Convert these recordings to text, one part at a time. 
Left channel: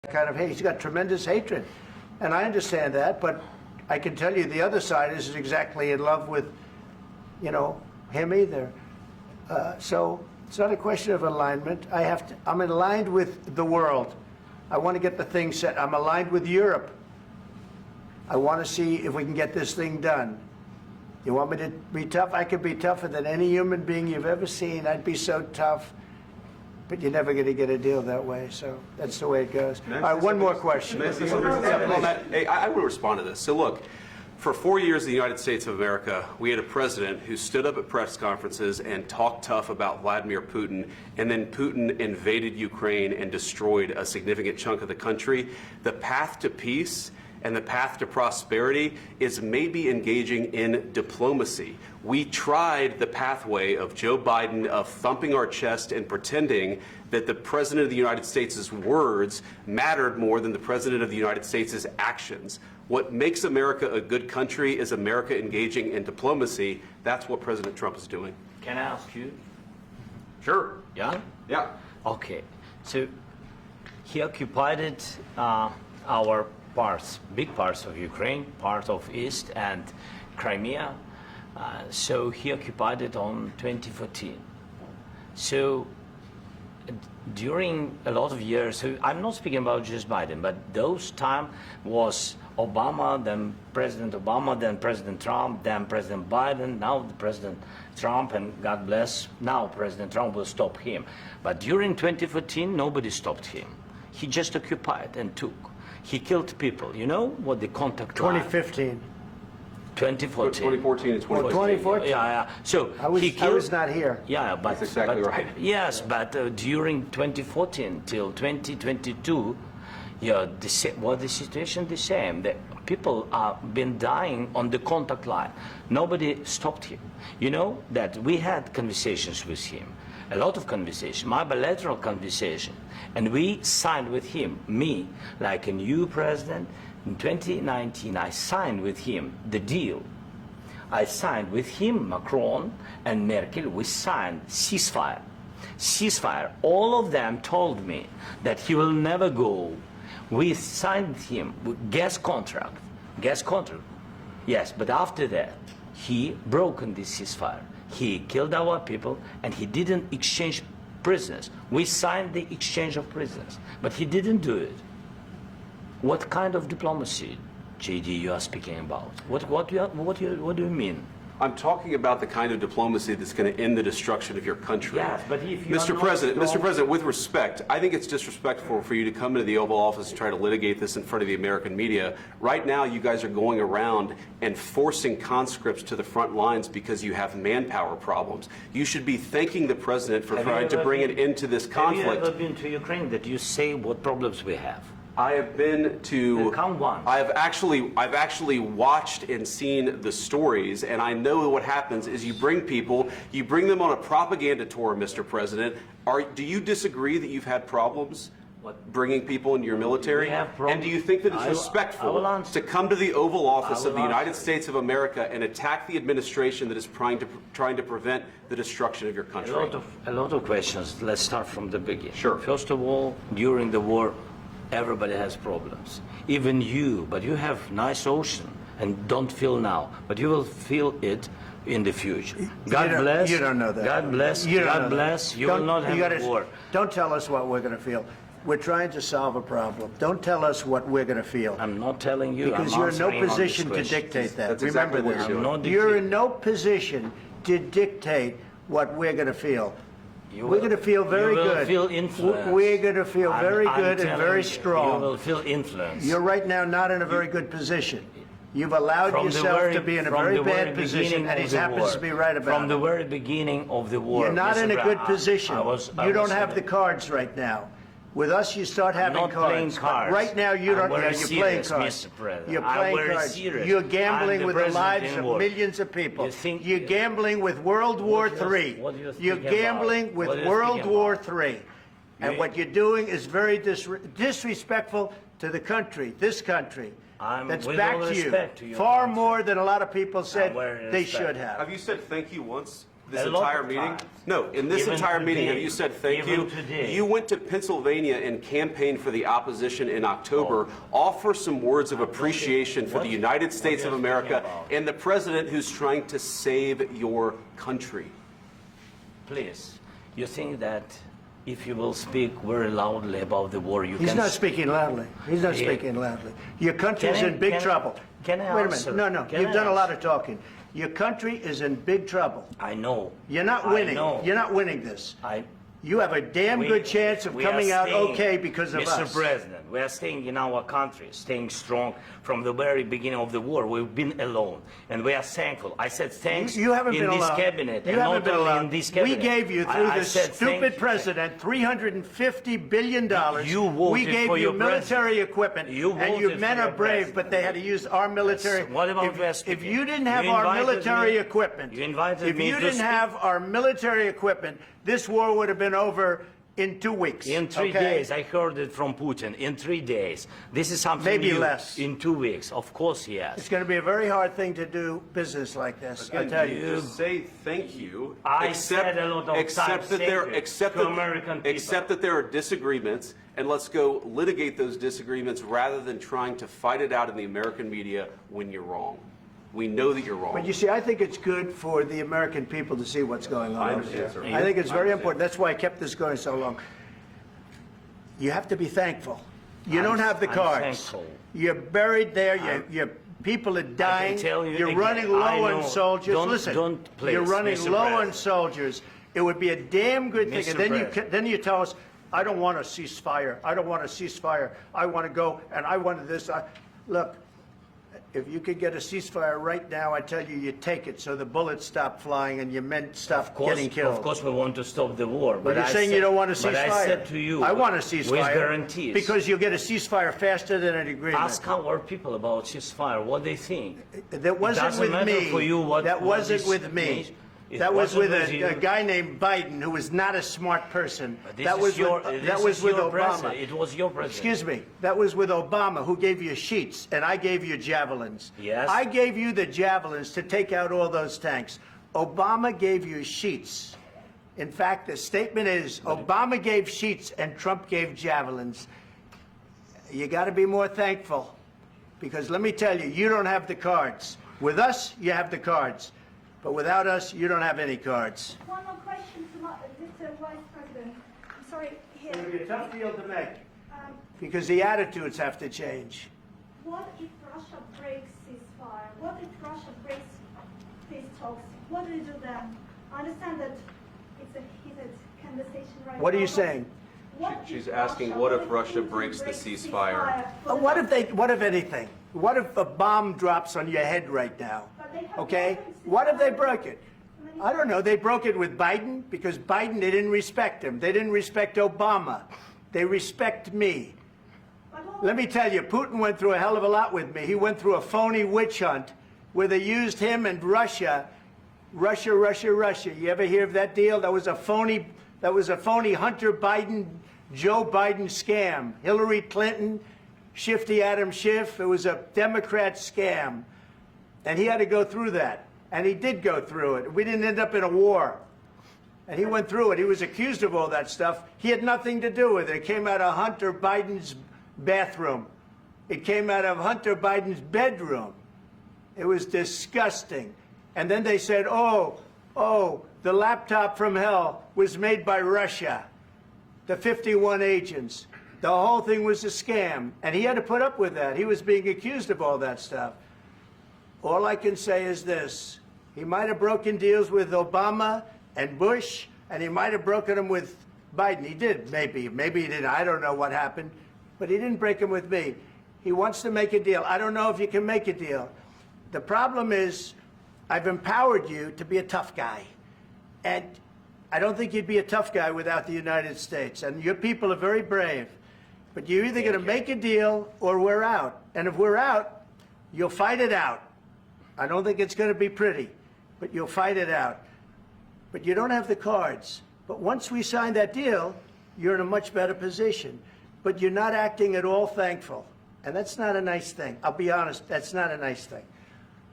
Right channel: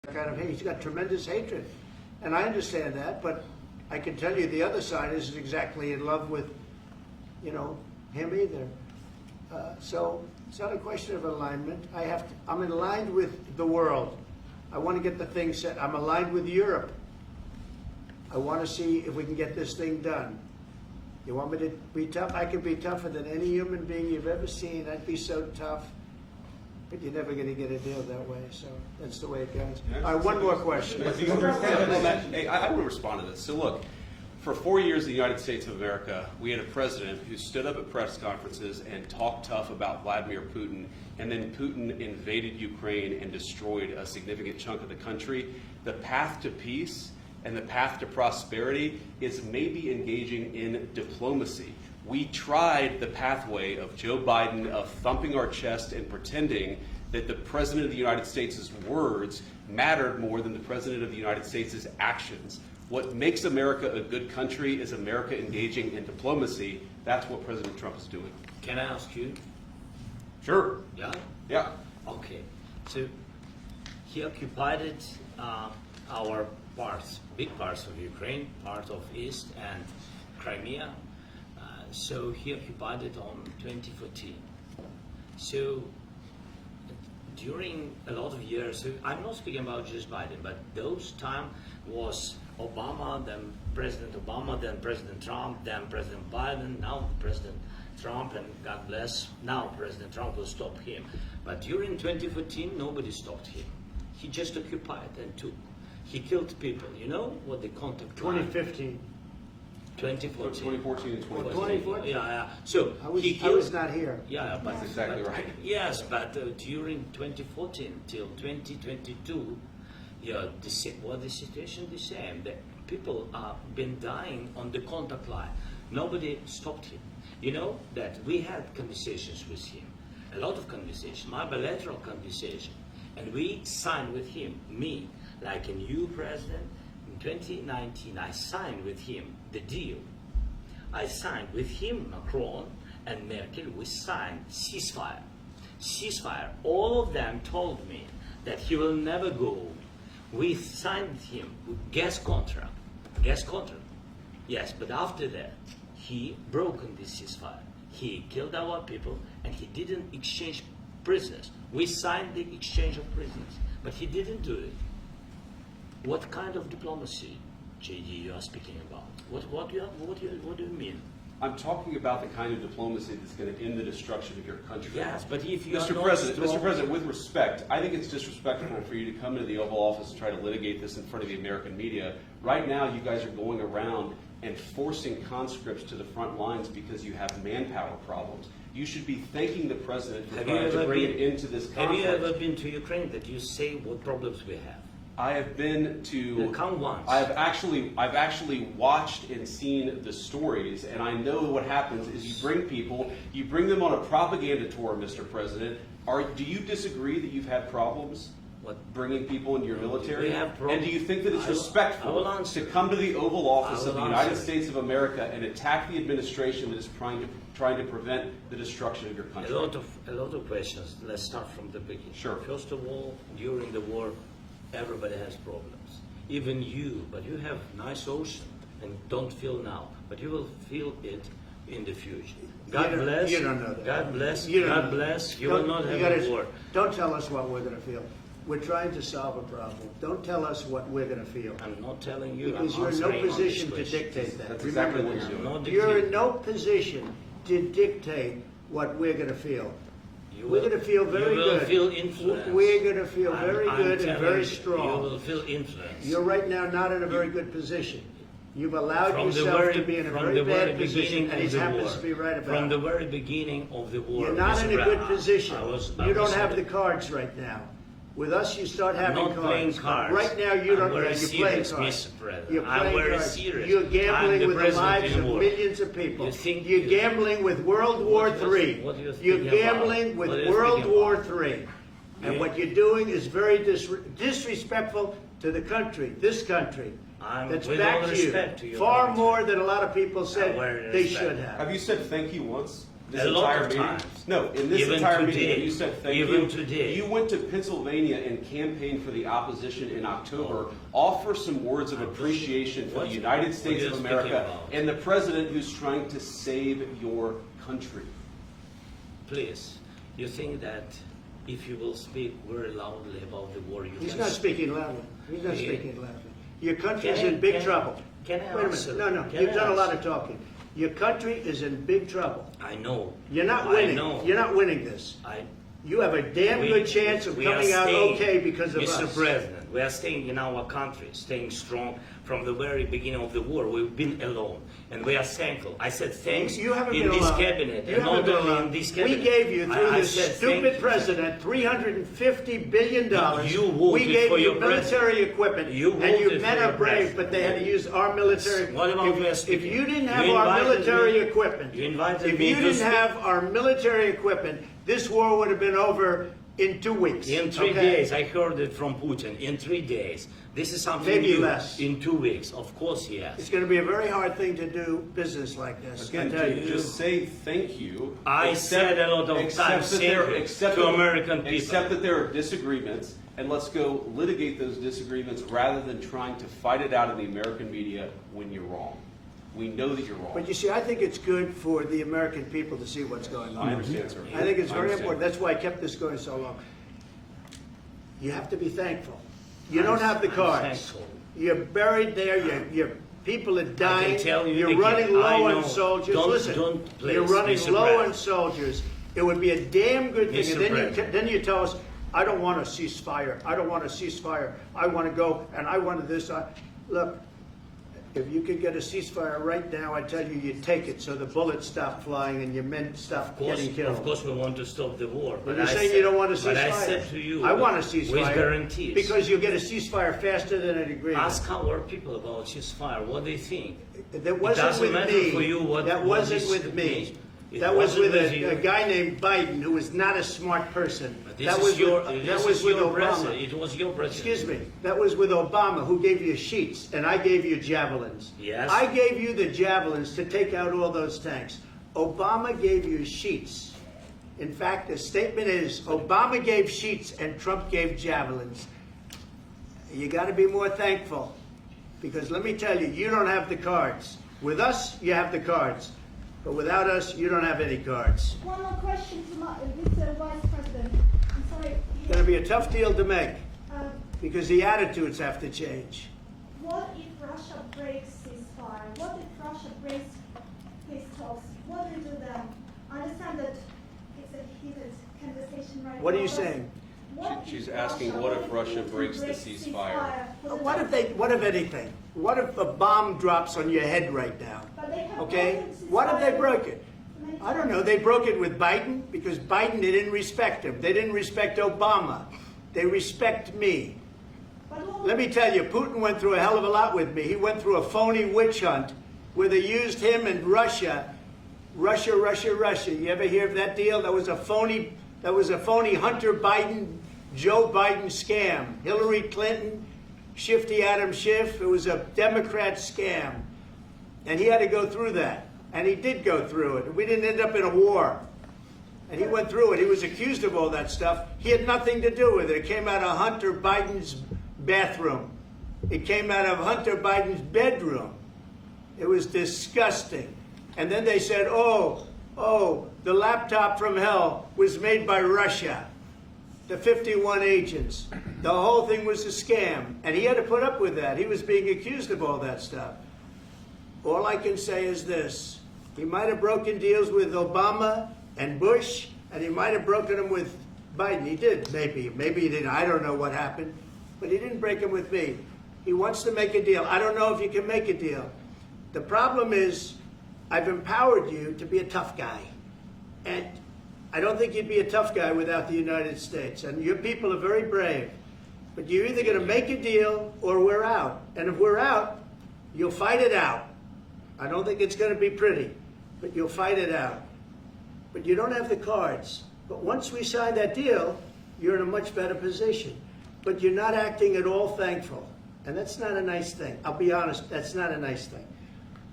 kind of hate. He's got tremendous hatred. And I understand that, but I can tell you the other side isn't exactly in love with, him either. So it's not a question of alignment. I'm aligned with the world. I want to get the thing set. I'm aligned with Europe. I want to see if we can get this thing done. You want me to be tough? I could be tougher than any human being you've ever seen. I'd be so tough. But you're never going to get a deal that way, so that's the way it goes. All right, one more question. I would respond to this. So look, for 4 years in the United States of America, we had a president who stood up at press conferences and talked tough about Vladimir Putin, and then Putin invaded Ukraine and destroyed a significant chunk of the country. The path to peace and the path to prosperity is maybe engaging in diplomacy. We tried the pathway of Joe Biden of thumping our chest and pretending that the President of the United States' words mattered more than the President of the United States' actions. What makes America a good country is America engaging in diplomacy. That's what President Trump is doing. Can I ask you? Sure. Yeah? Yeah. Okay. So he occupied our parts, big parts of Ukraine, part of East and Crimea. So he occupied it on 2014. So during a lot of years, so I'm not speaking about just Biden, but those time was Obama, then President Obama, then President Trump, then President Biden, now President Trump, and God bless, now President Trump will stop him. But during 2014, nobody stopped him. He just occupied and took. He killed people. You know what the contact line? 2015. 2014. 2014 and 2014. 2014. Yeah. So I was not here. Yeah, but that's exactly right. Yes, but during 2014 till 2022, yeah, the situation the same. The people have been dying on the contact line. Nobody stopped him. You know that we had conversations with him, a lot of conversations, my bilateral conversation, and we signed with him, me, like a new president. In 2019, I signed with him the deal. I signed with him, Macron and Merkel, we signed ceasefire. Ceasefire. All of them told me that he will never go. We signed with him with gas contract. Gas contract. Yes, but after that, he broken this ceasefire. He killed our people and he didn't exchange prisoners. We signed the exchange of prisoners, but he didn't do it. What kind of diplomacy, JD, you are speaking about? What do you mean? I'm talking about the kind of diplomacy that's going to end the destruction of your country. Yes, but if you Mr. President, with respect, I think it's disrespectful for you to come into the Oval Office and try to litigate this in front of the American media. Right now, you guys are going around and forcing conscripts to the front lines because you have manpower problems. You should be thanking the President for trying to bring an end to this conflict. Have you ever been to Ukraine that you say what problems we have? I have been to. Count once. I've actually watched and seen the stories, and I know what happens is you bring them on a propaganda tour, Mr. President. Do you disagree that you've had problems bringing people into your military? We have problems. And do you think that it's respectful to come to the Oval Office of the United States of America and attack the administration that is trying to prevent the destruction of your country? A lot of questions. Let's start from the beginning. Sure. First of all, during the war, everybody has problems, even you, but you have nice ocean and don't feel now, but you will feel it in the future. God bless. You don't know that. God bless. You God bless. You will not have a war. Don't tell us what we're going to feel. We're trying to solve a problem. Don't tell us what we're going to feel. I'm not telling you. Because I'm you're in no answering on position this to question. dictate that. That's exactly what Remember you're this. doing. You're in no position to dictate what we're going to feel. You We're will- going to feel very you will good. Feel influence. We're going to feel very I'm good and telling very you, strong. You will feel influence. You're right now not in a very good position. You've allowed From the yourself very- to be in a from very the bad very position, beginning and he of the happens war. to be right about From the it. very beginning of the war. You're not Mr. in a good Brown, position. I You don't was have the saying- cards right now. With us, you start having not cards. playing cards. Right now, you I'm don't. very You're playing serious, cards. Mr. President. You're I'm playing very cards. serious. You're I'm gambling the with the president lives in of war. millions of people. You think- You're gambling with World War What do you- III. what do you You're think about? gambling with What do you World think War about? III. And You- what you're doing is very disrespectful to the country, this country. I'm That's with back all to you. respect to your Far country. more than a lot of people said very they respect. should have. Have you said thank you once? this A lot entire of meeting? times. No, in this Even entire meeting, have today. you said thank Even you? today. You went to Pennsylvania and campaigned for the opposition in October. Offer some words of appreciation for the United States of you're America speaking about? and the president who's trying to save your country. Please, you think that if you will speak very loudly about the war, you He's can... not speaking loudly. He's not He- speaking loudly. Your country's Can I- in big can I- trouble. can I Wait a answer? minute. No, Can you've I done a lot answer? of talking. Your country is in big trouble. I know. You're not I winning. know. You're not winning this. You have a damn good chance of we are coming out staying, okay because of Mr. us. President, we are staying in our country, staying strong from the very beginning of the war. We've been alone, and we are thankful. I said thanks You haven't in been this alone. cabinet, You and haven't not been only alone. in this We cabinet. gave you, through I this said thank stupid you. president, $350 billion. You voted We gave for you your military president. equipment, You and you voted men for are your brave, president. but they had to use our military. What about you are If speaking? you didn't have You our invited military me- equipment, you invited if me you to didn't speak. have our military equipment, this war would have been over in 2 weeks. In 3 okay? days, I heard it from Putin. In 3 days, this is something Maybe new. less. In 2 weeks, of course, yes. It's going to be a very hard thing to do business like this. I Again, tell you. just say thank you. I said a lot of accept times that there- thank you accept to that- American people. Accept that there are disagreements, and let's go litigate those disagreements rather than trying to fight it out in the American media when you're wrong. We know that you're wrong. But you see, I think it's good for the American people to see what's going on. I understand, sir. I think it's I very understand. important. That's why I kept this going so long. You have to be thankful. You don't have the I'm cards. thankful. You're buried there. Your people are dying. tell you You're again, running I low know. on soldiers. Don't- Listen, don't please, you're running Mr. low on President. soldiers. It would be a damn good thing. Mr. And then President. then you tell us, I don't want a ceasefire. I don't want a ceasefire. I want to go and I want this. Look, if you could get a ceasefire right now, I tell you, you take it so the bullets stop flying and your men stop getting killed. Of course, we want to stop the war. But you're I saying said- you don't want a But ceasefire. I said to you, I want a with ceasefire. guarantees. Because you'll get a ceasefire faster than an agreement. Ask our people about ceasefire, what they think. That wasn't doesn't with matter me. for you what- That what wasn't this with me. means. It That was wasn't with with you. a guy named Biden who was not a smart person. This That is was your, with, this that was is with your Obama. president. It was your president. Excuse me. That was with Obama, who gave you sheets, and I gave you javelins. Yes. I gave you the javelins to take out all those tanks. Obama gave you sheets. In fact, the statement is Obama gave sheets and Trump gave javelins. You got to be more thankful, because let me tell you, you don't have the cards. With us, you have the cards. But without us, you don't have any cards. One more question to Mr. Vice President. I'm sorry. It's going to be a tough deal to make, Um, because the attitudes have to change. what if Russia breaks ceasefire? What if Russia breaks peace talks? What do you do then? I understand that it's a heated conversation right now. What are you but saying? what She's if asking, what if Russia breaks the ceasefire? What if anything? What if a bomb drops on your head right now? But they have Okay? broken What if they ceasefire broke it? many I don't know. They broke it with Biden because Biden, they didn't respect him. They didn't respect Obama. They respect me. But what Let me tell you, Putin went through a hell of a lot with me. He went through a phony witch hunt where they used him and Russia. Russia. You ever hear of that deal? That was a phony Hunter Biden, Joe Biden scam. Hillary Clinton, Shifty Adam Schiff. It was a Democrat scam. And he had to go through that. And he did go through it. We didn't end up in a war. And he went through it. He was accused of all that stuff. He had nothing to do with it. It came out of Hunter Biden's bathroom. It came out of Hunter Biden's bedroom. It was disgusting. And then they said, oh, the laptop from hell was made by Russia. The 51 agents. The whole thing was a scam. And he had to put up with that. He was being accused of all that stuff. All I can say is this. He might have broken deals with Obama and Bush, and he might have broken them with Biden. He did, maybe. Maybe he didn't. I don't know what happened. But he didn't break them with me. He wants to make a deal. I don't know if you can make a deal. The problem is, I've empowered you to be a tough guy. And I don't think you'd be a tough guy without the United States. And your people are very brave. But you're either going to make a deal or we're out. And if we're out, you'll fight it out. I don't think it's going to be pretty, but you'll fight it out. But you don't have the cards. But once we sign that deal, you're in a much better position. But you're not acting at all thankful. And that's not a nice thing. I'll be honest, that's not a nice thing.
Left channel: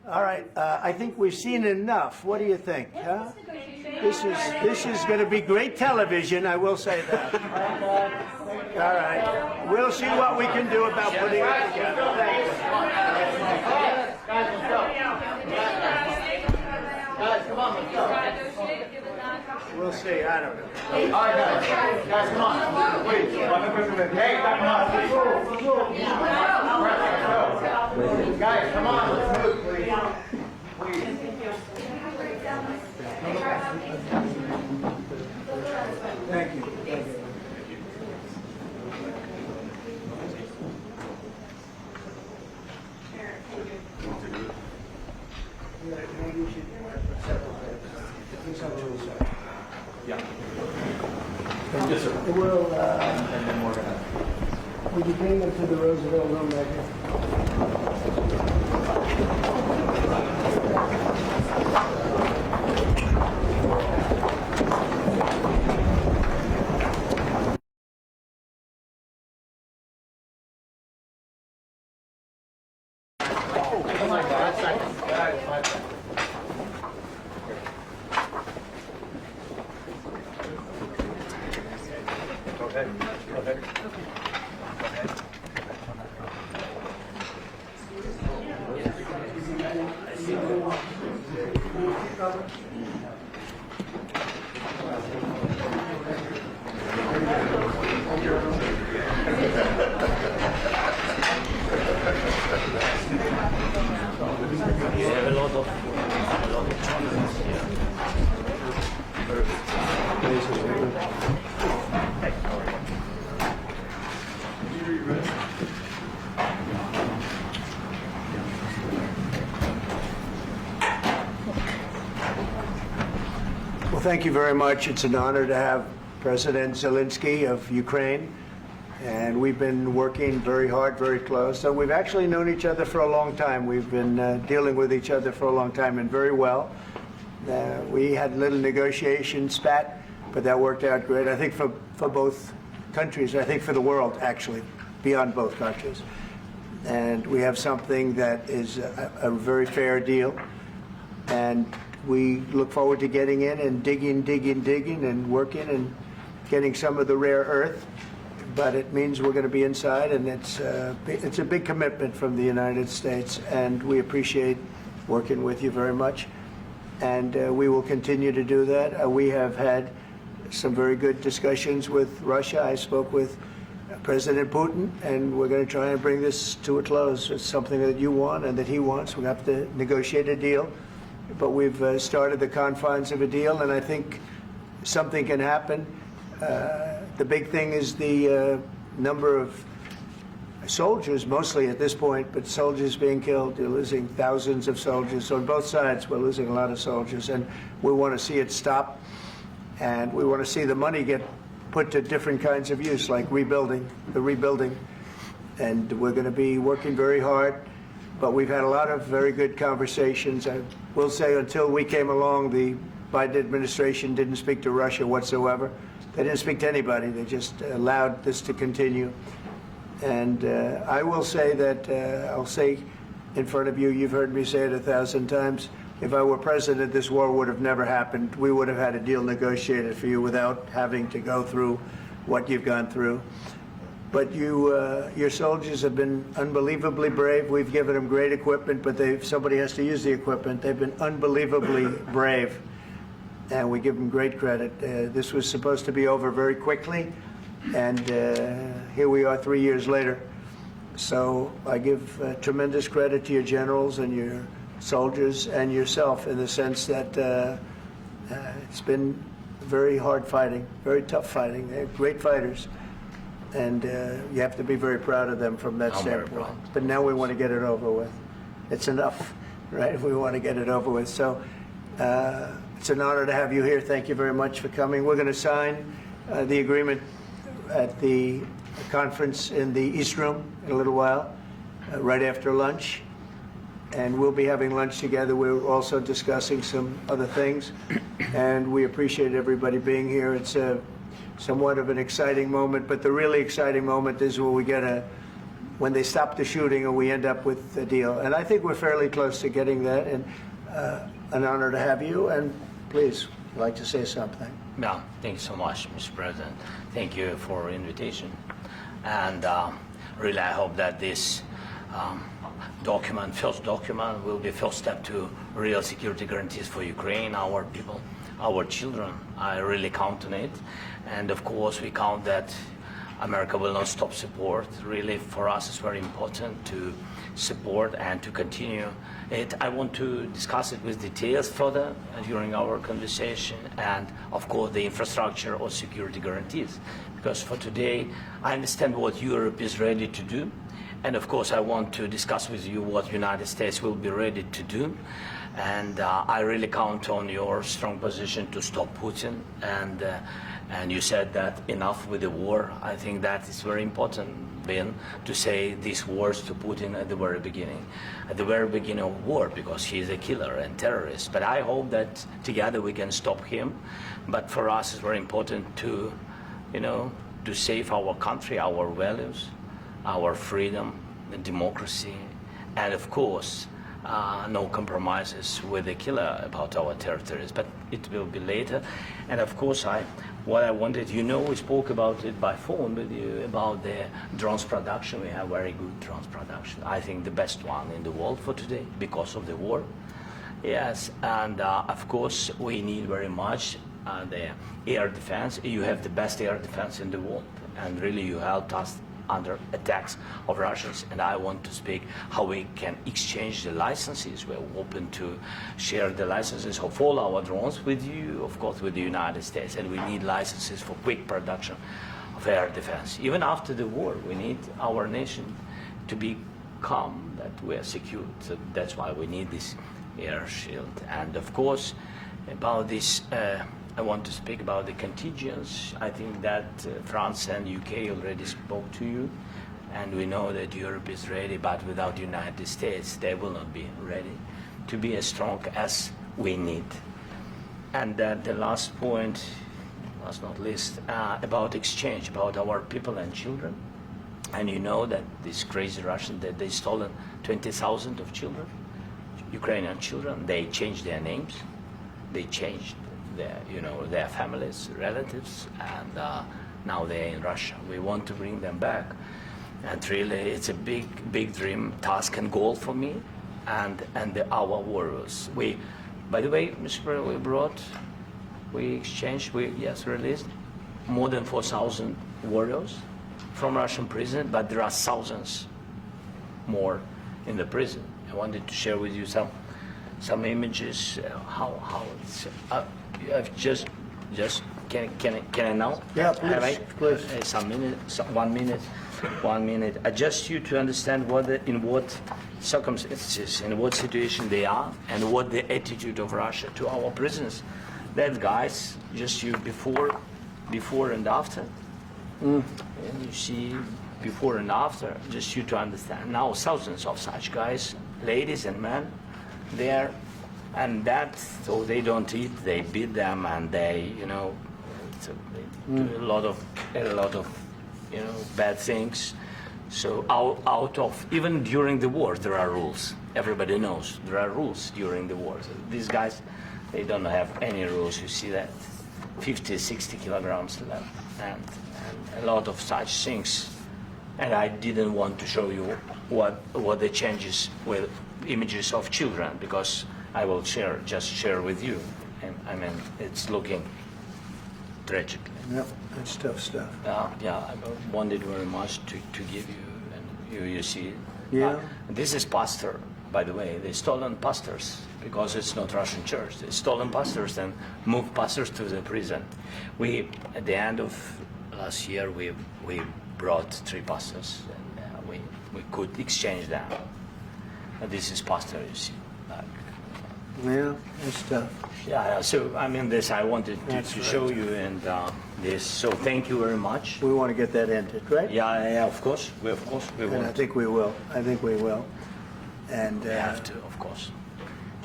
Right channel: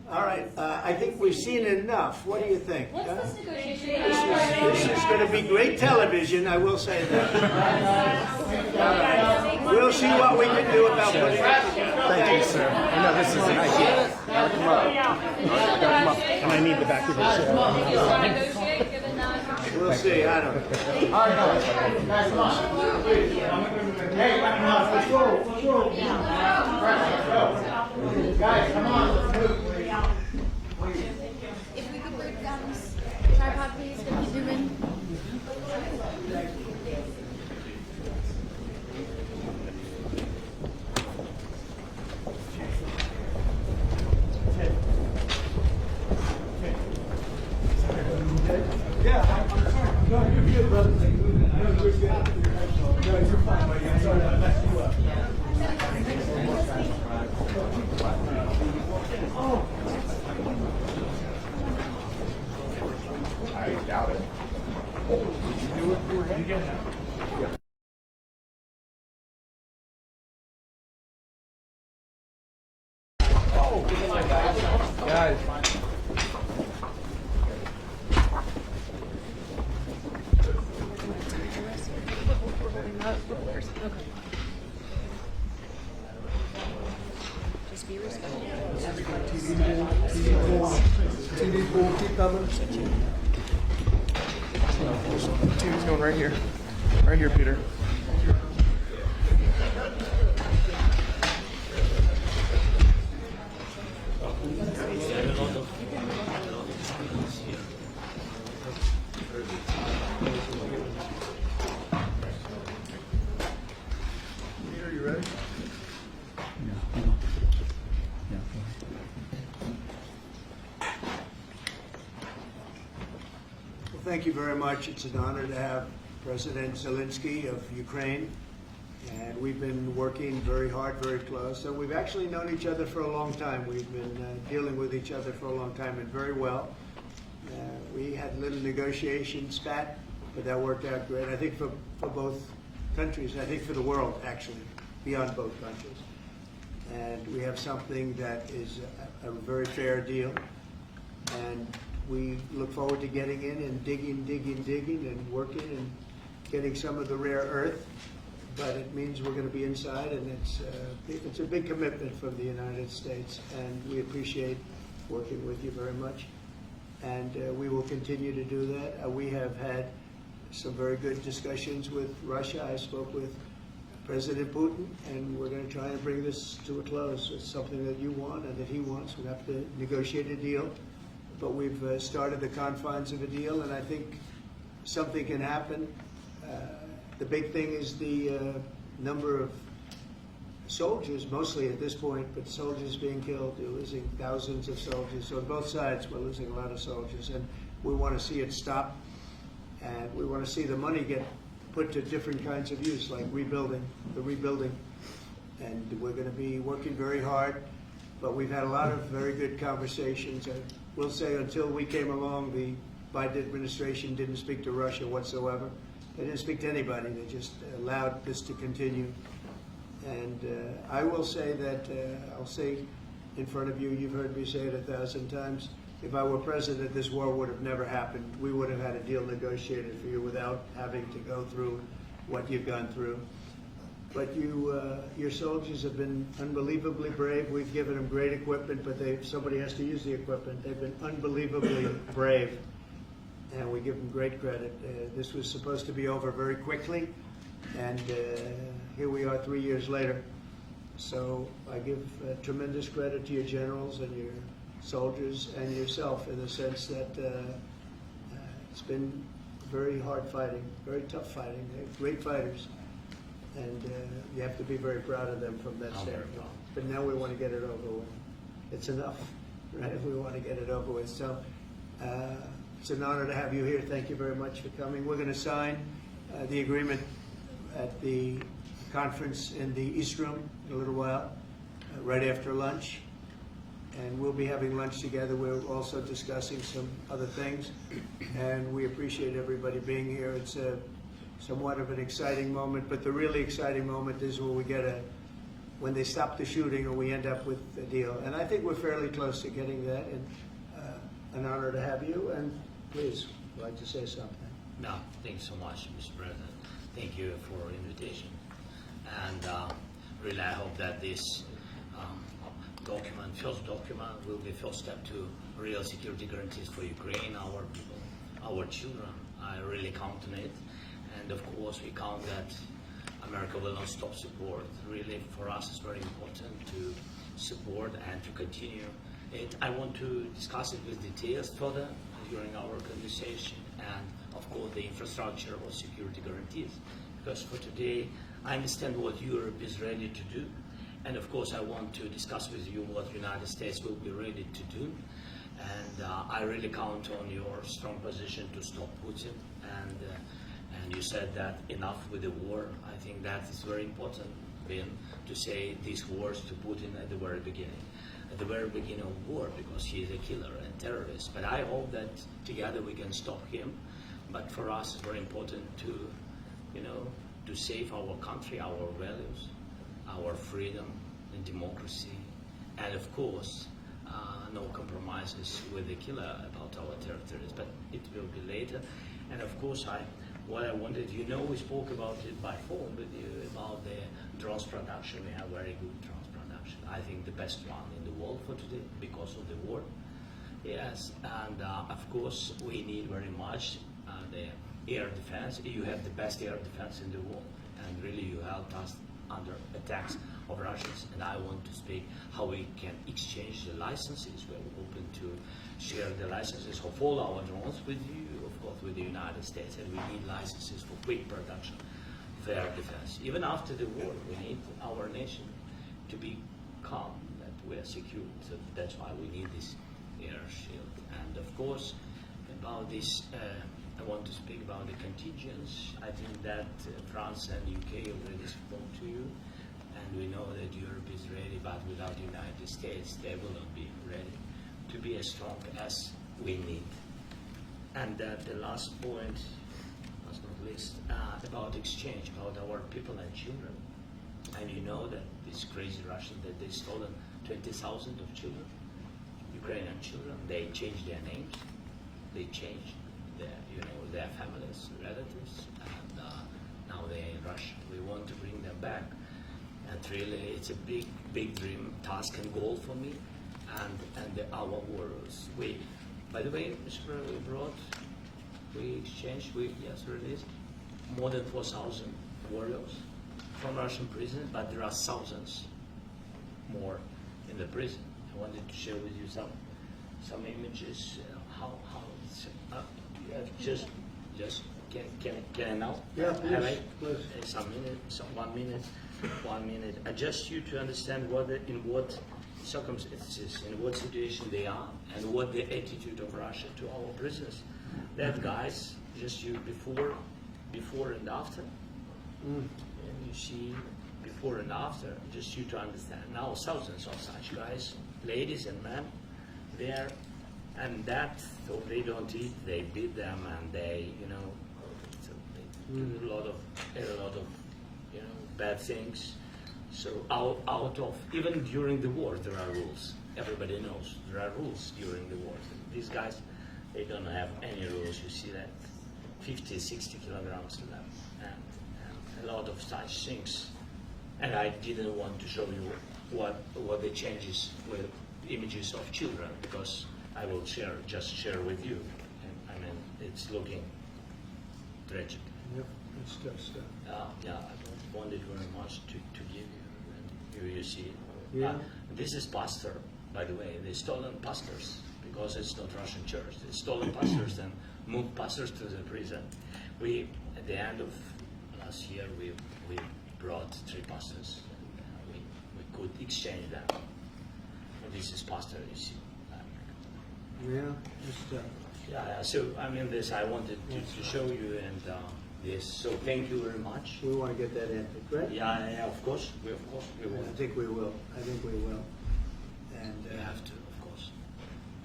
All right, I think we've seen enough. What do you think? What's huh? this negotiation? This is going to be great television, I will say that. All right. We'll see what we can do about putting it together. Thanks. And I need the back of this. Negotiate, given that. We'll see. I don't know. Guys, come on, let's move. Well, thank you very much. It's an honor to have President Zelenskyy of Ukraine. And we've been working very hard, very close. So we've actually known each other for a long time. We've been dealing with each other for a long time and very well. We had a little negotiation spat, but that worked out great. I think for both countries, I think for the world, actually, beyond both countries. And we have something that is a very fair deal. And we look forward to getting in and digging and working and getting some of the rare earth. But it means we're going to be inside, and it's a big commitment from the United States, and we appreciate working with you very much. And we will continue to do that. We have had some very good discussions with Russia. I spoke with President Putin, and we're going to try and bring this to a close. It's something that you want and that he wants. We have to negotiate a deal, but we've started the confines of a deal, and I think something can happen. The big thing is the number of soldiers, mostly at this point, but soldiers being killed. They're losing thousands of soldiers. So on both sides, we're losing a lot of soldiers, and we want to see it stop. And we want to see the money get put to different kinds of use, like rebuilding. And we're going to be working very hard. But we've had a lot of very good conversations. I will say until we came along, the Biden administration didn't speak to Russia whatsoever. They didn't speak to anybody. They just allowed this to continue. And I will say that, I'll say in front of you, you've heard me say it 1,000 times, if I were president, this war would have never happened. We would have had a deal negotiated for you without having to go through what you've gone through. But your soldiers have been unbelievably brave. We've given them great equipment, but somebody has to use the equipment. They've been unbelievably brave, and we give them great credit. This was supposed to be over very quickly, and here we are 3 years later. So I give tremendous credit to your generals and your soldiers and yourself, in the sense that it's been very hard fighting, very tough fighting. They're great fighters, and you have to be very proud of them from that standpoint. But now we want to get it over with. It's enough, right? We want to get it over with. So it's an honor to have you here. Thank you very much for coming. We're going to sign the agreement at the conference in the East Room in a little while, right after lunch. And we'll be having lunch together. We're also discussing some other things, and we appreciate everybody being here. It's somewhat of an exciting moment, but the really exciting moment is when we get when they stop the shooting and we end up with the deal. And I think we're fairly close to getting that, and an honor to have you. And please, I'd like to say something. Yeah, thank you so much, Mr. President. Thank you for invitation. And really, I hope that this first document, will be first step to real security guarantees for Ukraine, our people, our children. I really count on it. And of course, we count that America will not stop support. Really, for us, it's very important to support and to continue it. I want to discuss it with details further during our conversation, and of course, the infrastructure or security guarantees. Because for today, I understand what Europe is ready to do. And of course, I want to discuss with you what United States will be ready to do. And I really count on your strong position to stop Putin. And you said that enough with the war. I think that is very important, Ben, to say these words to Putin at the very beginning of war, because he is a killer and terrorist. But I hope that together we can stop him. But for us, it's very important to, to save our country, our values, our freedom and democracy, and of course, no compromises with the killer about our territories. But it will be later. And of course, what I wanted, we spoke about it by phone with you about the drones production. We have very good drones production. I think the best one in the world for today because of the war. Yes, and of course, we need very much the air defense. You have the best air defense in the world, and really you helped us under attacks of Russians. And I want to speak how we can exchange the licenses. We're open to share the licenses of all our drones with you, of course, with the United States. And we need licenses for quick production of air defense. Even after the war, we need our nation to be calm, that we are secure. So that's why we need this air shield. And of course, about this, I want to speak about the contingents. I think that France and UK already spoke to you, and we know that Europe is ready, but without the United States, they will not be ready to be as strong as we need. And the last point, last not least, about exchange, about our people and children. And you know that this crazy Russian, that they stolen 20,000 of children, Ukrainian children. They changed their names, they changed their families, relatives, and now they're in Russia. We want to bring them back, and really, it's a big dream, task, and goal for me, and our warriors. By the way, Mr. President, we released more than 4,000 warriors from Russian prison, but there are thousands more in the prison. I wanted to share with you some images. How it's. I've just can I now? Yeah, Have I? please. Some minute, 1 minute, 1 minute. Just you to understand in what circumstances, in what situation they are, and what the attitude of Russia to our prisoners. That guys, just you before and after. And you see before and after, just you to understand. Now thousands of such guys, ladies and men, there. And so they don't eat, they beat them, and they, they do a lot of bad things. So out of, even during the war, there are rules. Everybody knows there are rules during the war. So these guys, they don't have any rules. You see that 50, 60 kilograms left, and a lot of such things. And I didn't want to show you what the changes with images of children, because I will just share with you. And, I mean, it's looking tragic. Yep, that's tough stuff. Yeah, I wanted very much to give you, and you see. Yeah. This is pastor, by the way. They stolen pastors because it's not Russian church. They stolen pastors and moved pastors to the prison. At the end of last year, we brought 3 pastors, and we could exchange them. And this is pastor, you see. Yeah, that's tough. Yeah, so I mean, this I wanted to show you, and this. So thank you very much. We want to get that ended, right? Yeah, of course. We And I want. think we will. And We have to, of course.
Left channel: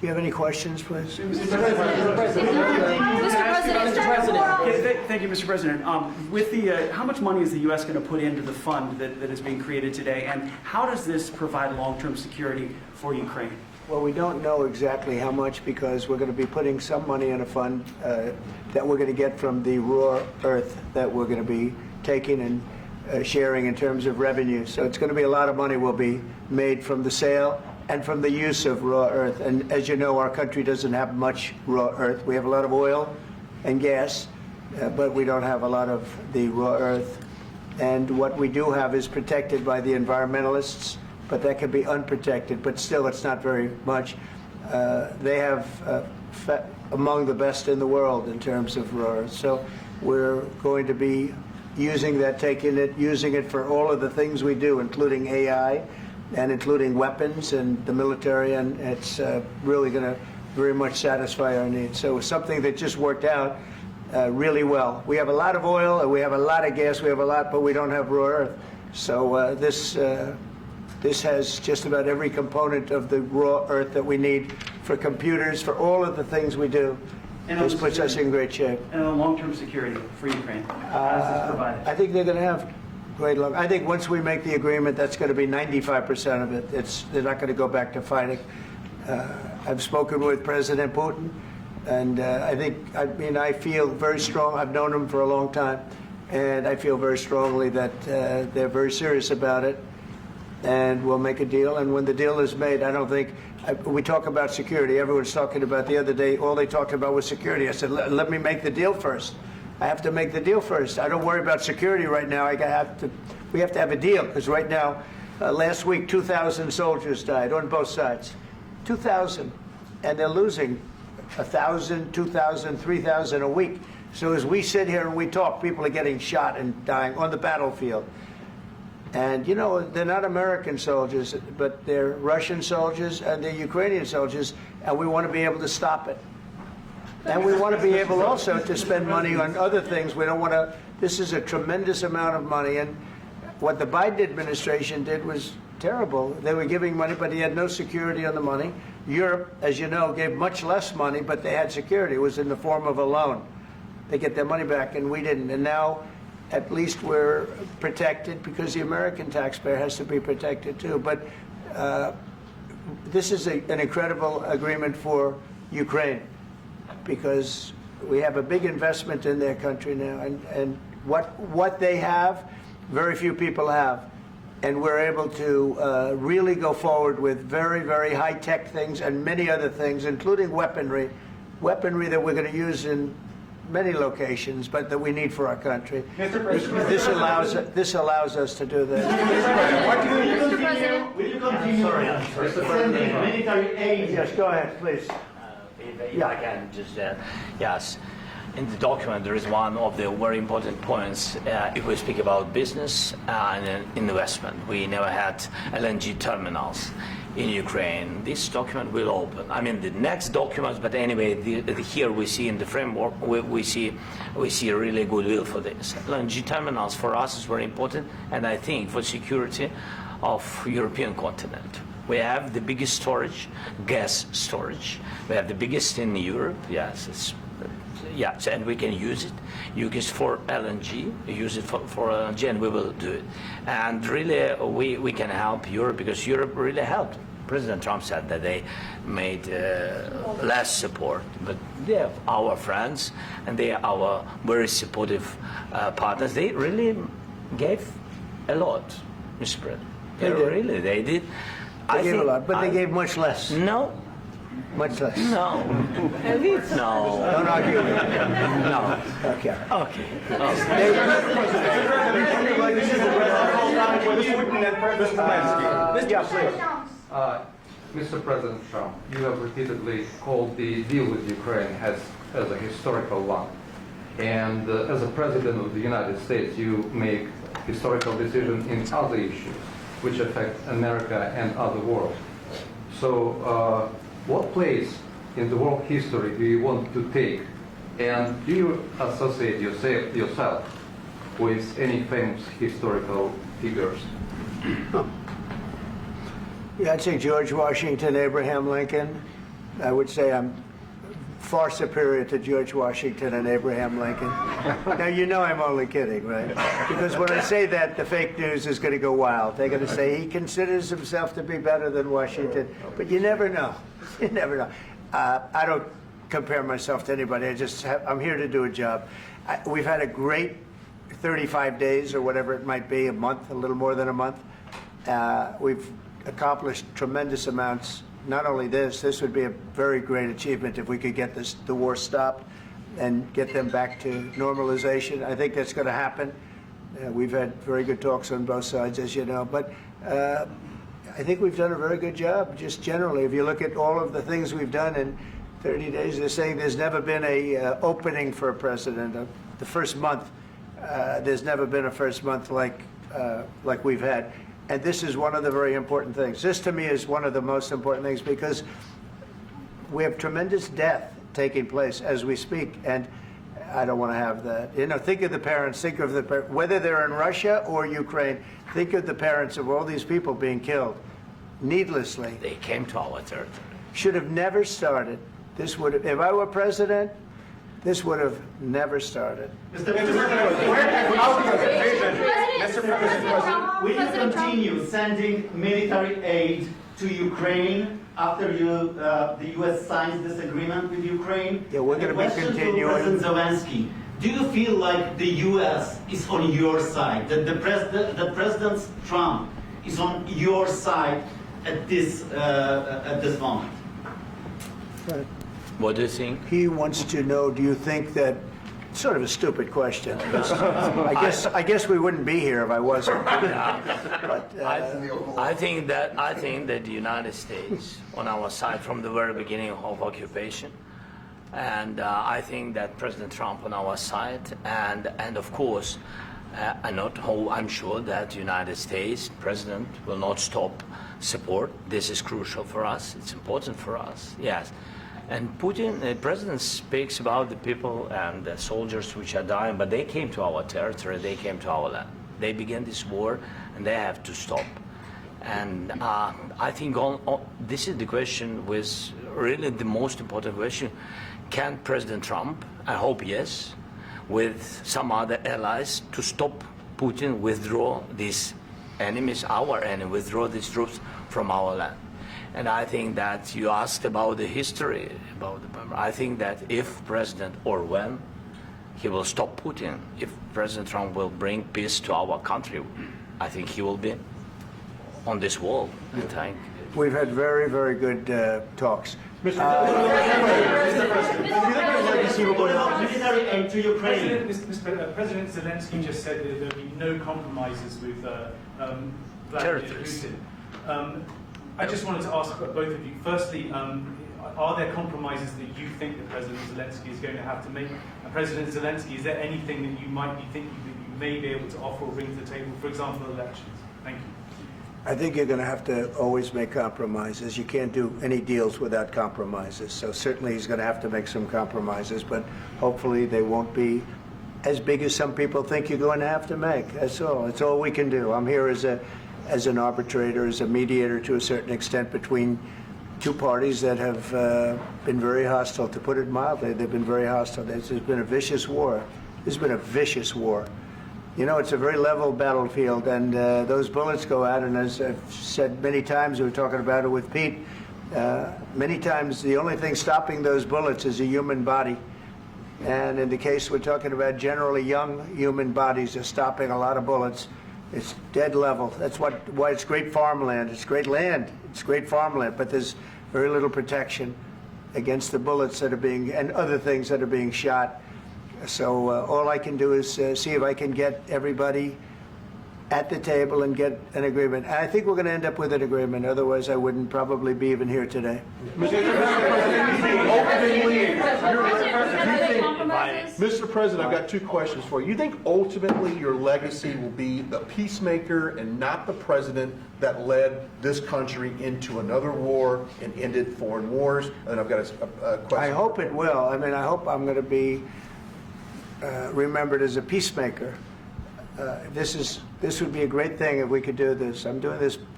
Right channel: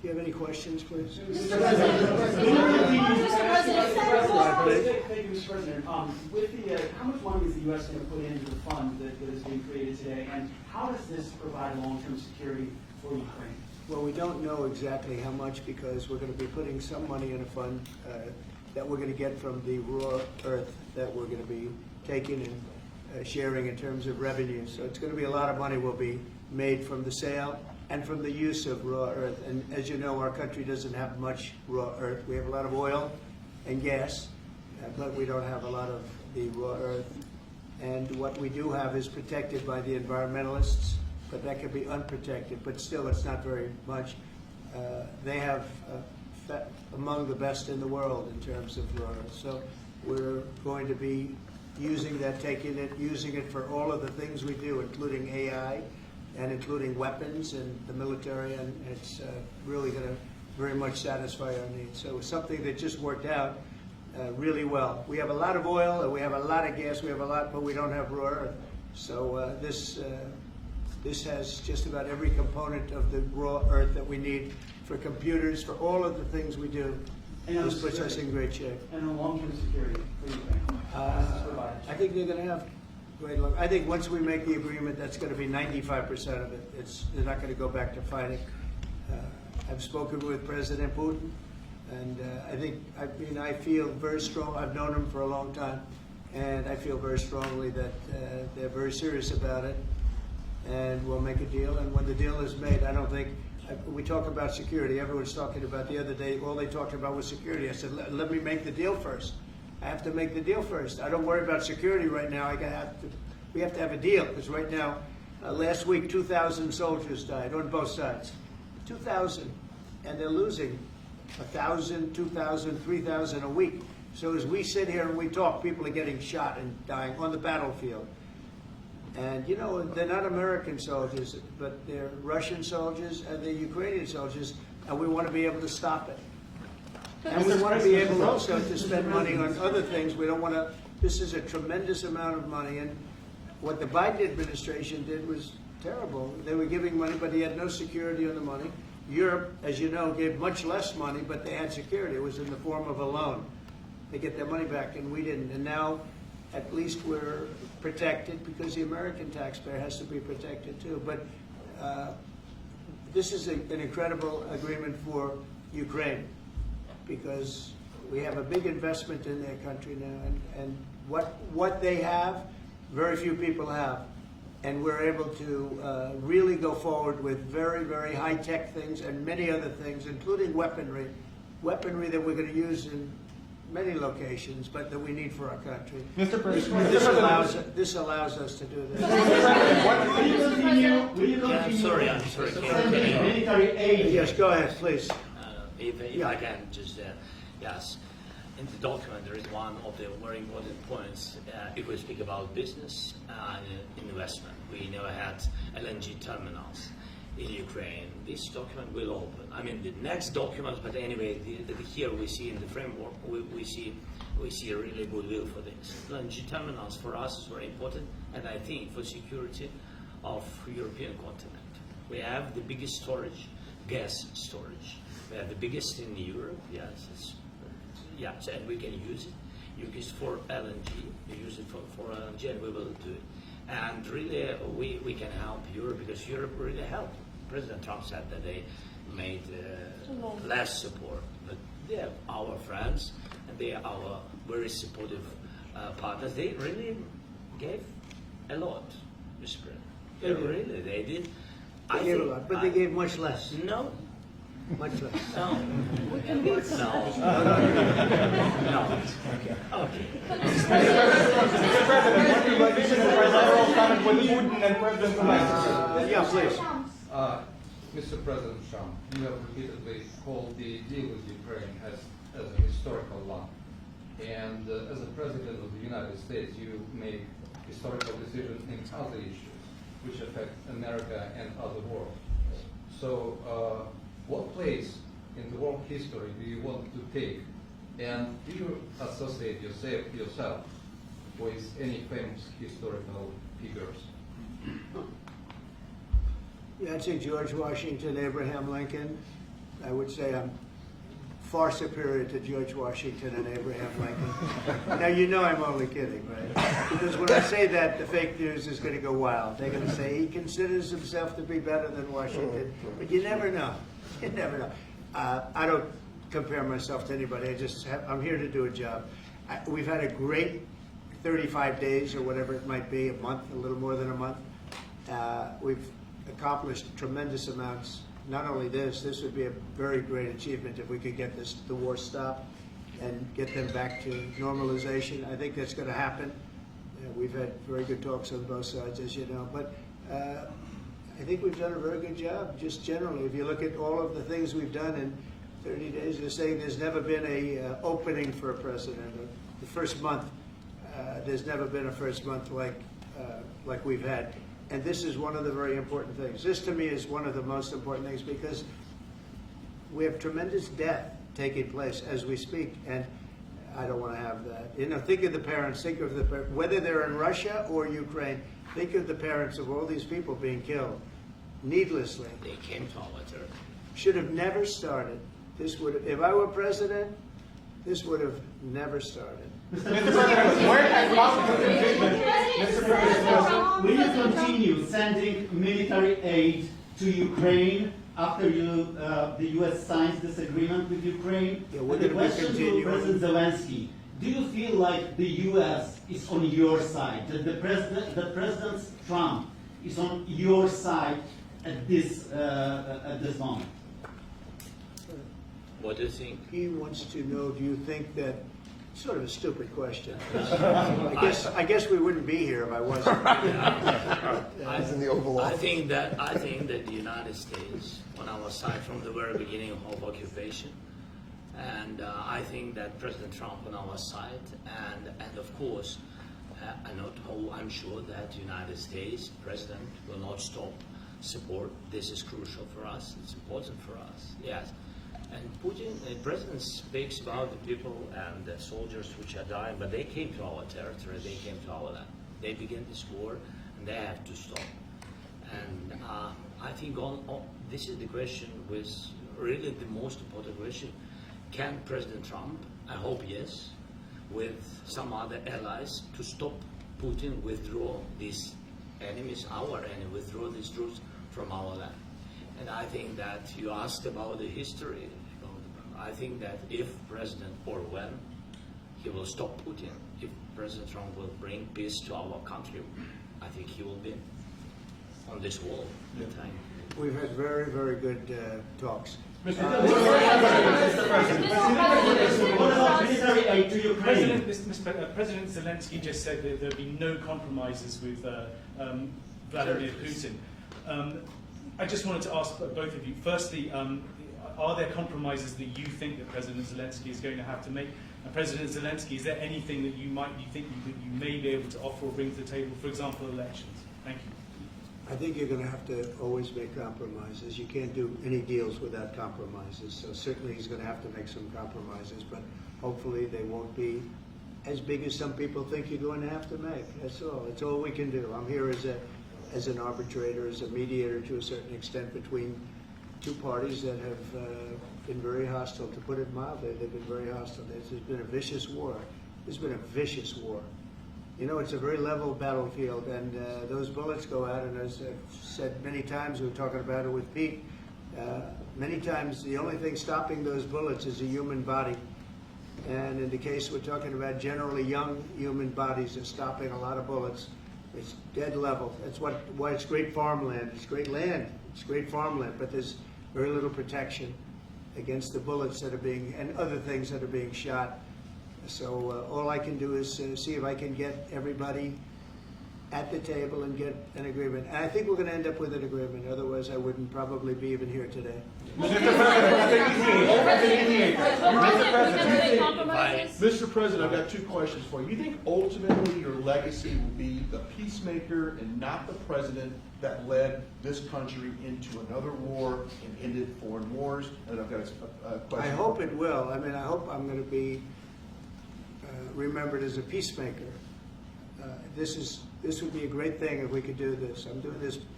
you have any questions, please? Mr. President. Thank you, Mr. President. With the, how much money is the U.S. going to put into the fund that is being created today, and how does this provide long-term security for Ukraine? Well, we don't know exactly how much because we're going to be putting some money in a fund that we're going to get from the raw earth that we're going to be taking and sharing in terms of revenue. So it's going to be a lot of money will be made from the sale and from the use of raw earth. And as you know, our country doesn't have much raw earth. We have a lot of oil and gas, but we don't have a lot of the raw earth. And what we do have is protected by the environmentalists, but that can be unprotected, but still it's not very much. They have among the best in the world in terms of raw earth. So we're going to be using that, taking it, using it for all of the things we do, including AI and including weapons and the military, and it's really going to very much satisfy our needs. So it's something that just worked out really well. We have a lot of oil, and we have a lot of gas, we have a lot, but we don't have raw earth. So this has just about every component of the raw earth that we need for computers, for all of the things we do. This puts us in great shape. And on long-term security for Ukraine, how does this provide? I think they're going to have great luck. I think once we make the agreement, that's going to be 95% of it. They're not going to go back to fighting. I've spoken with President Putin, and I feel very strong. I've known him for a long time, and I feel very strongly that they're very serious about it, and we'll make a deal. And when the deal is made, I don't think we talk about security. Everyone's talking about the other day. All they talked about was security. I said, let me make the deal first. I have to make the deal first. I don't worry about security right now. We have to have a deal because right now, last week, 2,000 soldiers died on both sides. 2,000, and they're losing 1,000, 2,000, 3,000 a week. So as we sit here and we talk, people are getting shot and dying on the battlefield. And, you know, they're not American soldiers, but they're Russian soldiers and they're Ukrainian soldiers, and we want to be able to stop it. And we want to be able also to spend money on other things. We don't want to, this is a tremendous amount of money, and what the Biden administration did was terrible. They were giving money, but he had no security on the money. Europe, as you know, gave much less money, but they had security. It was in the form of a loan. They get their money back, and we didn't. And now, at least we're protected because the American taxpayer has to be protected too. But this is an incredible agreement for Ukraine because we have a big investment in their country now, and what they have, very few people have. And we're able to really go forward with very, very high-tech things and many other things, including weaponry that we're going to use in many locations, but that we need for our country. Mr. President. This allows us to do that. Will you continue? I'm sorry. Sending military aid? Yes, go ahead, please. If I can just, yes. In the document, there is one of the very important points if we speak about business and investment. We never had LNG terminals in Ukraine. This document will open. I mean, the next documents, but anyway, here we see in the framework, we see a really goodwill for this. LNG terminals for us is very important, and I think for security of European continent. We have the biggest storage, gas storage. We have the biggest in Europe. Yes, yes, and we can use it. Use it for LNG. Use it for LNG, and we will do it. And really, we can help Europe because Europe really helped. President Trump said that they made less support, but they are our friends and they are our very supportive partners. They really gave a lot, Mr. President. They did. They gave a lot, but they gave much less. No. Much less. No. No. No. Okay. Mr. President Trump, you have repeatedly called the deal with Ukraine as a historical one. And as a President of the United States, you make historical decisions in other issues which affect America and other world. So what place in the world history do you want to take? And do you associate yourself with any famous historical figures? Yeah, I'd say George Washington, Abraham Lincoln, I would say I'm far superior to George Washington and Abraham Lincoln. Now, you know I'm only kidding, right? Because when I say that, the fake news is going to go wild. They're going to say he considers himself to be better than Washington. But you never know. You never know. I don't compare myself to anybody. I'm here to do a job. We've had a great 35 days or whatever it might be, a month, a little more than a month. We've accomplished tremendous amounts. Not only this would be a very great achievement if we could get the war stopped and get them back to normalization. I think that's going to happen. We've had very good talks on both sides, as you know. But I think we've done a very good job, just generally. If you look at all of the things we've done in 30 days, they're saying there's never been a opening for a president. The first month, there's never been a first month like we've had. And this is one of the very important things. This, to me, is one of the most important things because we have tremendous death taking place as we speak, and I don't want to have that. You know, think of the parents, think of whether they're in Russia or Ukraine, think of the parents of all these people being killed needlessly. They came to our territory. Should have never started. This would have, if I were president, this would have never started. Mr. President, will you continue sending military aid to Ukraine after the U.S. signs this agreement with Ukraine? Yeah, we're And going the to be question continuing. to President Zelenskyy, do you feel like the U.S. is on your side, that President Trump is on your side at this moment? What do you think? He wants to know, do you think that, sort of a stupid question. I guess we wouldn't be here if I wasn't. I think that the United States on our side from the very beginning of occupation, and I think that President Trump on our side, and of course, I'm sure that the United States President will not stop support. This is crucial for us. It's important for us. Yes. And Putin, the president speaks about the people and the soldiers which are dying, but they came to our territory, they came to our land. They began this war, and they have to stop. And I think this is the question, with really the most important question. Can President Trump, I hope yes, with some other allies, to stop Putin, withdraw these enemies, our enemy, withdraw these troops from our land? And I think that you asked about the history, I think that if President, or when, he will stop Putin, if President Trump will bring peace to our country, I think he will be on this wall in time. We've had very, very good talks. What about military aid to Ukraine? President Zelenskyy just said that there would be no compromises with Vladimir Putin. I just wanted to ask both of you, firstly, are there compromises that you think that President Zelenskyy is going to have to make? And President Zelenskyy, is there anything that you might be thinking that you may be able to offer or bring to the table, for example, elections? Thank you. I think you're going to have to always make compromises. You can't do any deals without compromises. So certainly he's going to have to make some compromises, but hopefully they won't be as big as some people think you're going to have to make. That's all. That's all we can do. I'm here as an arbitrator, as a mediator to a certain extent between two parties that have been very hostile, to put it mildly. They've been very hostile. There's been a vicious war. There's been a vicious war. You know, it's a very level battlefield, and those bullets go out, and as I've said many times, we were talking about it with Pete, many times the only thing stopping those bullets is a human body. And in the case we're talking about, generally young human bodies are stopping a lot of bullets. It's dead level. That's why it's great farmland. It's great land. It's great farmland, but there's very little protection against the bullets that are being, and other things that are being shot. So all I can do is see if I can get everybody at the table and get an agreement. And I think we're going to end up with an agreement. Otherwise, I wouldn't probably be even here today. Mr. President, I've got two questions for you. You think ultimately your legacy will be the peacemaker and not the president that led this country into another war and ended foreign wars? And I've got a question. I hope it will. I mean, I hope I'm going to be remembered as a peacemaker. This would be a great thing if we could do this. I'm doing this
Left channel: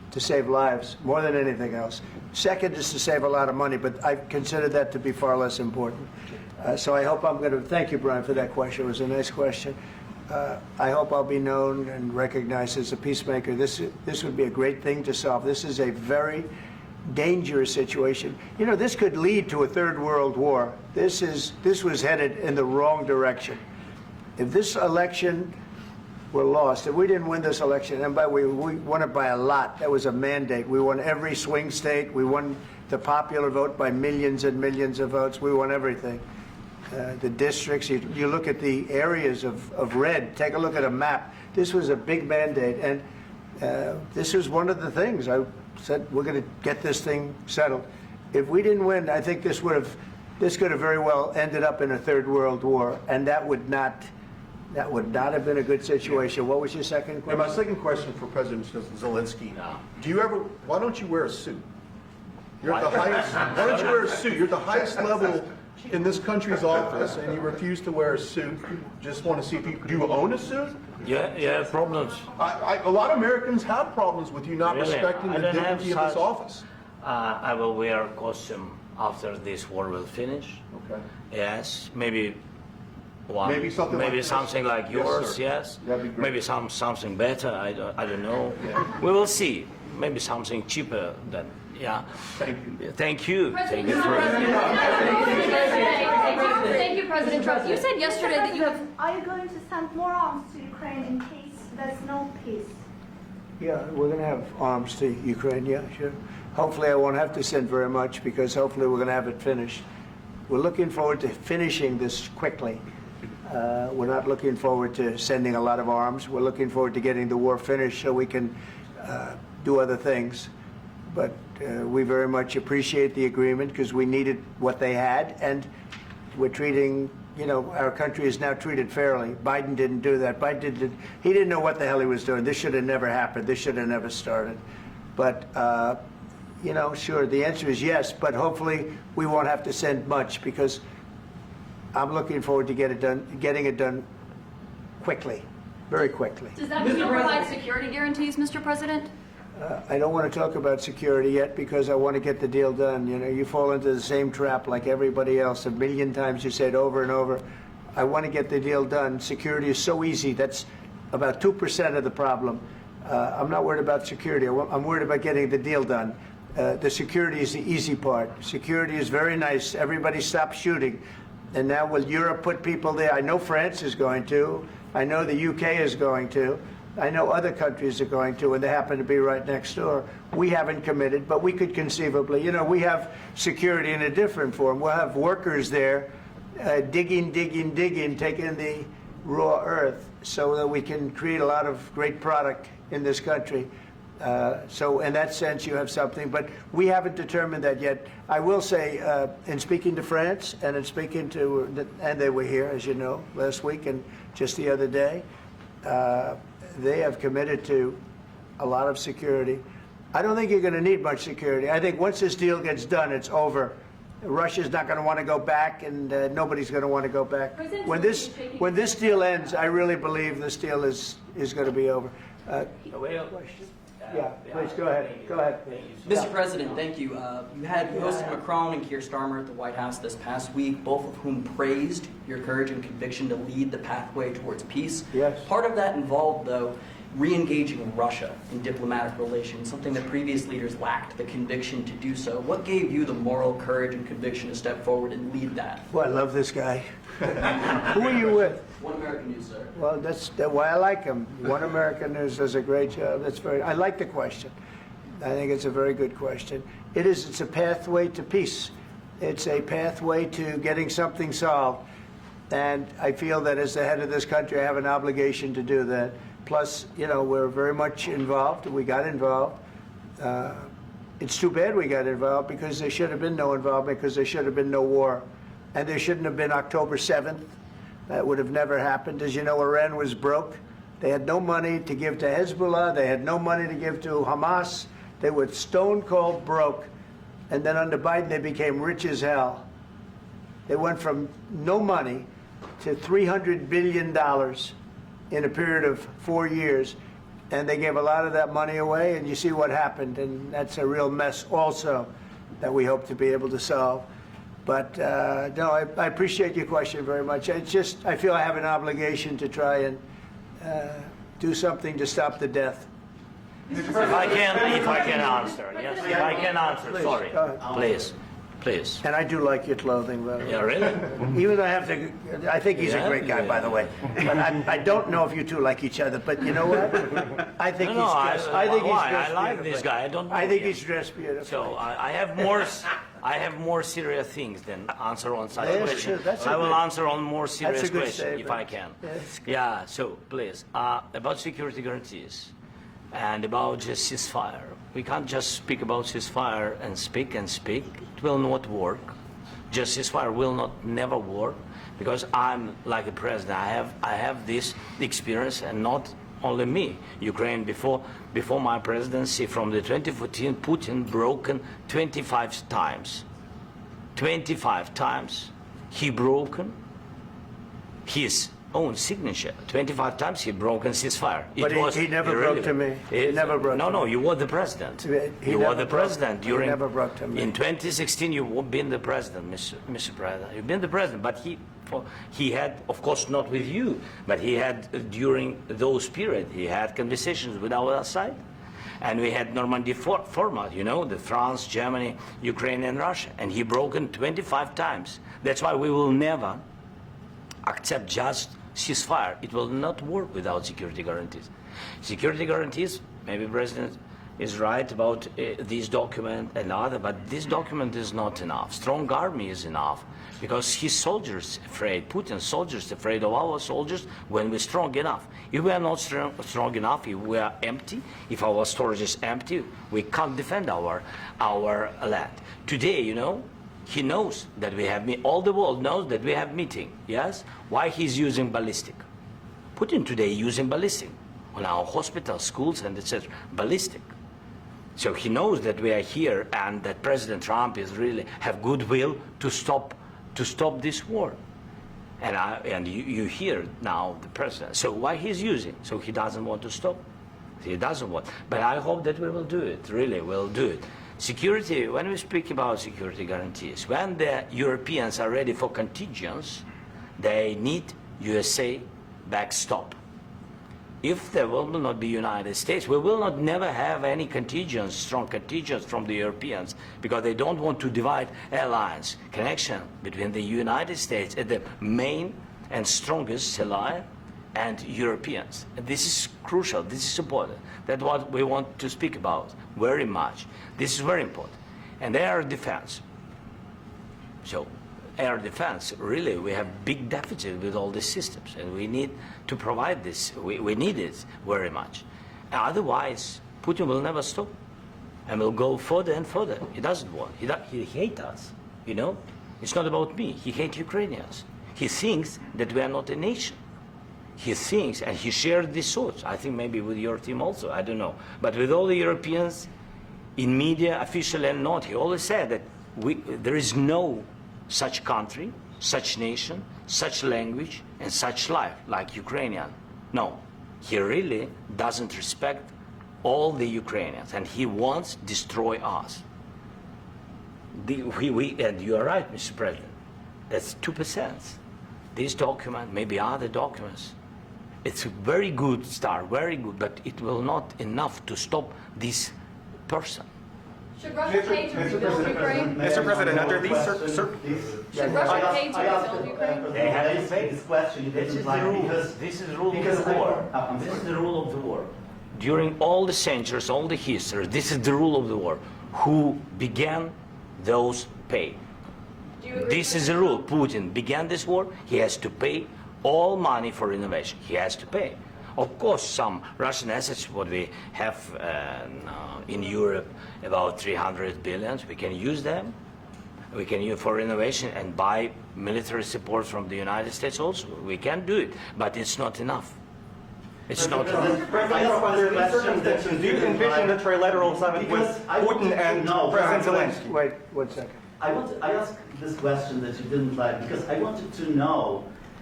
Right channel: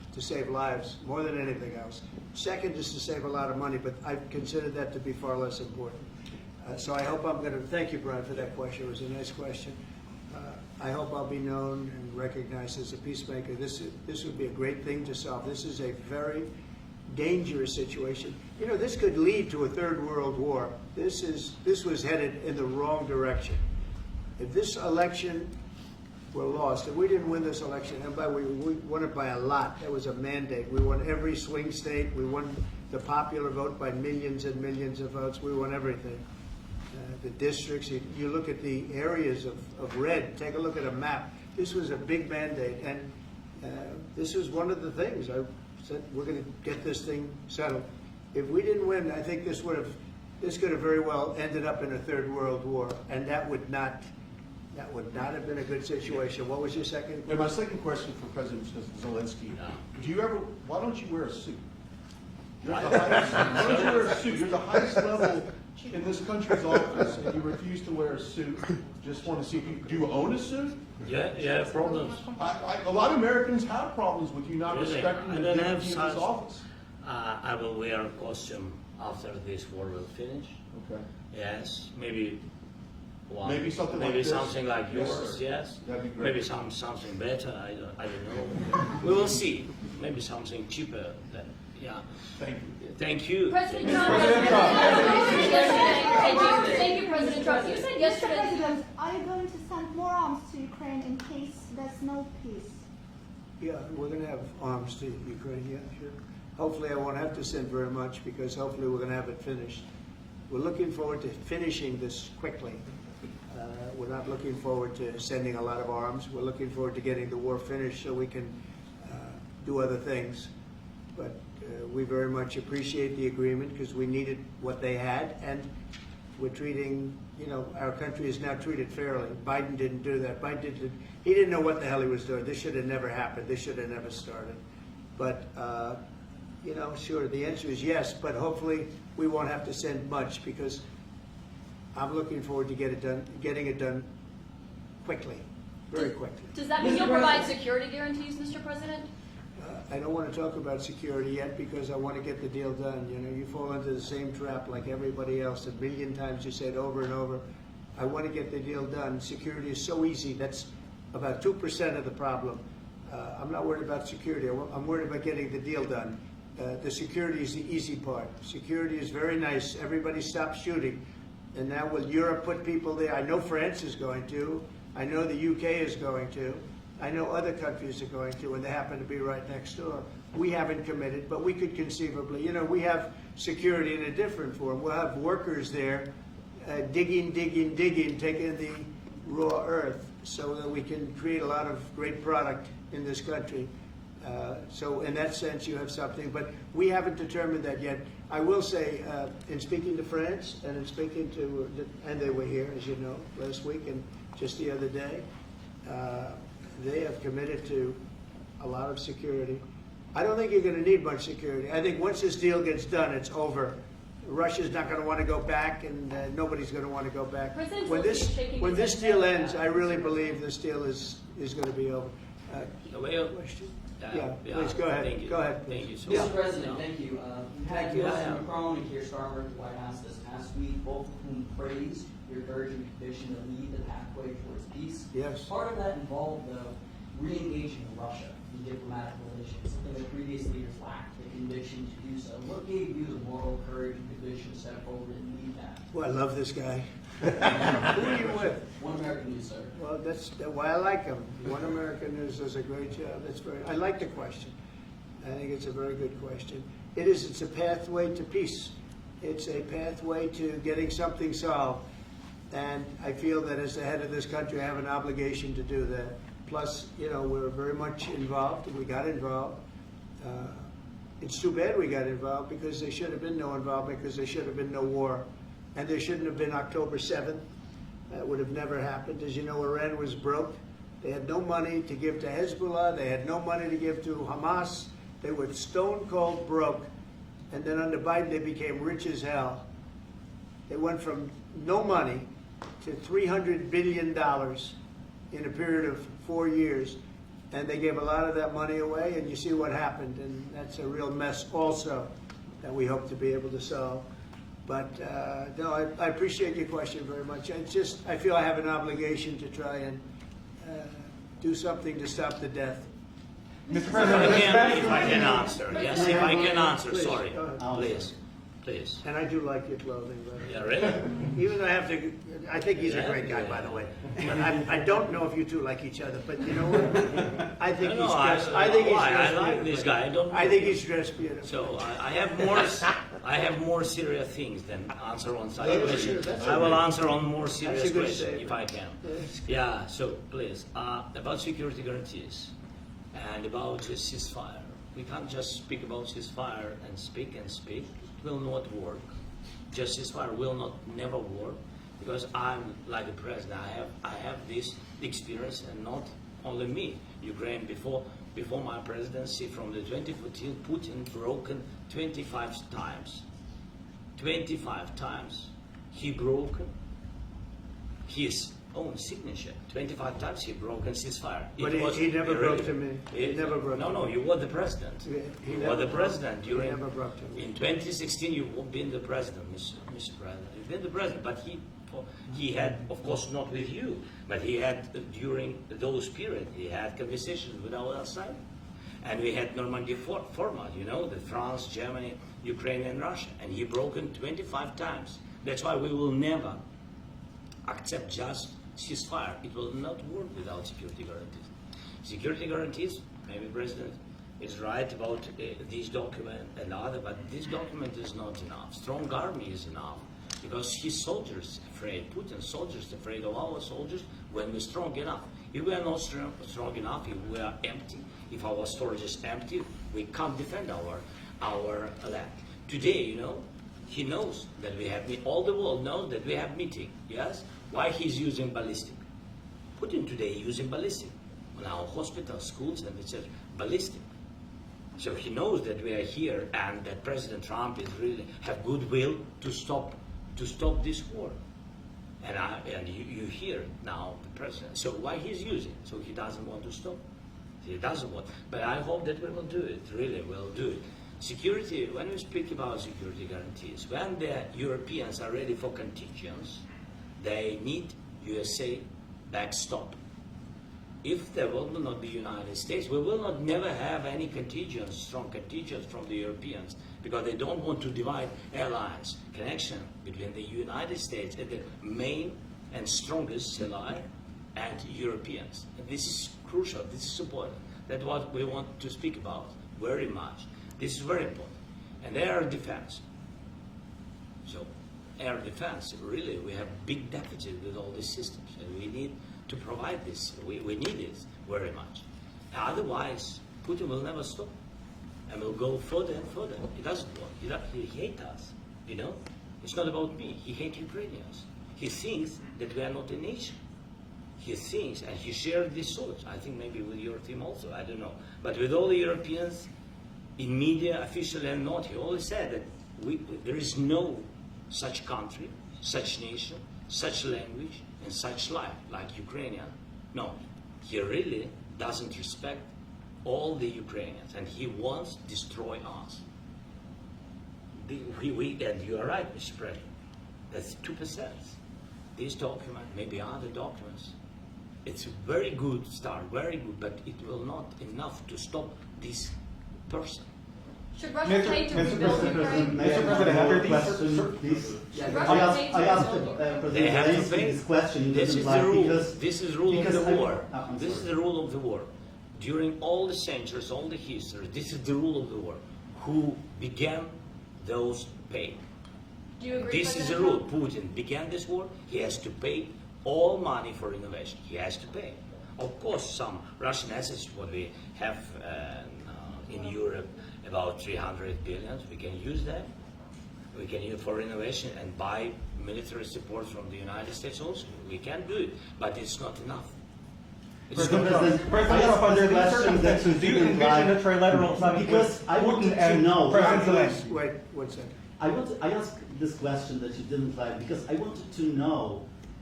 to save lives more than anything else. Second is to save a lot of money, but I consider that to be far less important. So I hope I'm going to, thank you, Brian, for that question. It was a nice question. I hope I'll be known and recognized as a peacemaker. This would be a great thing to solve. This is a very dangerous situation. You know, this could lead to a third world war. This was headed in the wrong direction. If this election were lost, if we didn't win this election, and by the way, we won it by a lot. That was a mandate. We won every swing state. We won the popular vote by millions and millions of votes. We won everything. The districts, you look at the areas of red, take a look at a map. This was a big mandate, and this was one of the things I said, we're going to get this thing settled. If we didn't win, I think this could have very well ended up in a third world war, and that would not have been a good situation. What was your second And question? my second question for President Zelensky, why don't you wear a suit? You're at the highest, why don't you wear a suit? You're at the highest level in this country's office, and you refuse to wear a suit. Just want to see if do you own a suit? Yeah, problems. A lot of Americans have problems with you not Really? respecting I the don't have dignity of this such- office. I will wear a costume after this war will finish. Okay. Yes, maybe one. Maybe something like this? something like Yes, yours. sir. Yes. That'd be great. Maybe something better. I don't know. We will see. Maybe something cheaper than. Yeah. Thank you. Thank you. President Thank you. Trump, thank you, President Trump. You said yesterday that you have. Are you going to send more arms to Ukraine in case there's no peace? Yeah, we're going to have arms to Ukraine, yeah, sure. Hopefully I won't have to send very much because hopefully we're going to have it finished. We're looking forward to finishing this quickly. We're not looking forward to sending a lot of arms. We're looking forward to getting the war finished so we can do other things. But we very much appreciate the agreement because we needed what they had, and we're treating, you know, our country is now treated fairly. Biden didn't do that. He didn't know what the hell he was doing. This should have never happened. This should have never started. But, you know, sure, the answer is yes, but hopefully we won't have to send much because I'm looking forward to getting it done quickly, very quickly. Does that mean you'll provide security guarantees, Mr. President? I don't want to talk about security yet because I want to get the deal done. You know, you fall into the same trap like everybody else. A million times you say it over and over. I want to get the deal done. Security is so easy. That's about 2% of the problem. I'm not worried about security. I'm worried about getting the deal done. The security is the easy part. Security is very nice. Everybody stopped shooting. And now will Europe put people there? I know France is going to. I know the UK is going to. I know other countries are going to, and they happen to be right next door. We haven't committed, but we could conceivably. You know, we have security in a different form. We'll have workers there digging, taking the raw earth so that we can create a lot of great product in this country. So in that sense, you have something, but we haven't determined that yet. I will say, in speaking to France and in speaking to, and they were here, as you know, last week and just the other day, they have committed to a lot of security. I don't think you're going to need much security. I think once this deal gets done, it's over. Russia's not going to want to go back, and nobody's going to want to go back. President When Zelensky shaking when his this head deal no. ends, I really believe this deal is going to be over. Well, Question? Yeah, please go ahead. Thank you. Go ahead. Thank you so Mr. much. President, thank you. You had President Macron and Keir Starmer at the White House this past week, both of whom praised your courage and conviction to lead the pathway towards peace. Yes. Part of that involved, though, re-engaging Russia in diplomatic relations, something that previous leaders lacked the conviction to do so. What gave you the moral courage and conviction to step forward and lead that? Well, I love this guy. Who are you with? One American News, sir. Well, that's why I like him. One American News does a great job. I like the question. I think it's a very good question. It's a pathway to peace. It's a pathway to getting something solved. And I feel that as the head of this country, I have an obligation to do that. Plus, you know, we're very much involved. We got involved. It's too bad we got involved because there should have been no involvement because there should have been no war. And there shouldn't have been October 7th. That would have never happened. As you know, Iran was broke. They had no money to give to Hezbollah. They had no money to give to Hamas. They were stone cold broke. And then under Biden, they became rich as hell. They went from no money to $300 billion in a period of 4 years. and they gave a lot of that money away, and you see what happened, and that's a real mess also that we hope to be able to solve. But no, I appreciate your question very much. It's just, I feel I have an obligation to try and do something to stop the death. If I can answer, yes, if I can answer, Please, sorry, go ahead. please. And I do like your clothing, by the way. Yeah, really? Even though I have to, I think he's a Yeah? great guy, by the way. But I don't know if you two like each other, but you know what? I think he's No, dressed, I think he's why? dressed I like beautifully. this guy. I don't know I think him. he's dressed beautifully. So I have more serious things than answer on such Yeah, questions. sure, that's I a will good- answer on more serious good questions statement. if I can. That's good. Yeah. So please, about security guarantees and about just ceasefire. We can't just speak about ceasefire and speak and speak. It will not work. Just ceasefire will not never work because I'm like the president. I have this experience, and not only me. Ukraine before my presidency, from the 2014, Putin broken 25 times. 25 times he broken his own signature. 25 times he broken ceasefire. But he never broke to me. He never broke No, to no, me. you were the president. He You never were the broke- president he during. never broke to me. In 2016, you've been the president, Mr. President. You've been the president, but he had, of course, not with you, but he had during those period, he had conversations with our side, and we had Normandy format. You know, the France, Germany, Ukraine, and Russia, and he broken 25 times. That's why we will never accept just ceasefire. It will not work without security guarantees. Security guarantees, maybe President is right about this document and other, but this document is not enough. Strong army is enough because his soldiers afraid, Putin's soldiers afraid of our soldiers when we're strong enough. If we are not strong enough, if we are empty, if our storage is empty, we can't defend our land. Today, you know, he knows that we have all the world knows that we have meeting. Yes, why he's using ballistic? Putin today using ballistic on our hospitals, schools, and etc. Ballistic. So he knows that we are here and that President Trump is really have goodwill to stop this war. And you hear now the president. So why he's using? So he doesn't want to stop. He doesn't want. But I hope that we will do it. Really, we'll do it. Security, when we speak about security guarantees, when the Europeans are ready for contingents, they need USA backstop. If there will not be United States, we will not never have any contingents, strong contingents from the Europeans, because they don't want to divide alliance, connection between the United States and the main and strongest ally and Europeans. And this is crucial, this is important. That's what we want to speak about very much. This is very important. And air defense. So air defense, really, we have big deficit with all these systems, and we need to provide this. We need it very much. Otherwise, Putin will never stop, and will go further and further. He doesn't want. He hates us. You know, it's not about me. He hates Ukrainians. He thinks that we are not a nation. He thinks, and he shared these thoughts. I think maybe with your team also. I don't know, but with all the Europeans, in media, officially and not, he always said that there is no such country, such nation, such language, and such life like Ukrainian. No, he really doesn't respect all the Ukrainians, and he wants to destroy us. And you are right, Mr. President. That's 2%. This document, maybe other documents, it's a very good start, very good, but it will not enough to stop this person. Should Russia pay to rebuild Ukraine? Mr. President, after these Should Russia pay to I asked rebuild Ukraine? They have to Zelensky pay. this question. You This didn't is like the rule. because This is the rule of because the I- war. I'm This is sorry. the rule of the war. During all the centuries, all the history, this is the rule of the war. Who began, those pay. Do you agree, This is the President rule. Putin began this war. He has to pay all money for innovation. He has to pay. Of course, some Russian assets, what we have in Europe, about 300 billion, we can use them. We can use for innovation and buy military support from the United States also. We can do it, but it's not enough. It's not enough. President, under these circumstances, do you envision a trilateral summit with Because I want Putin to and know- President Zelensky? Wait 1 second. I asked this question that you didn't like because I wanted to know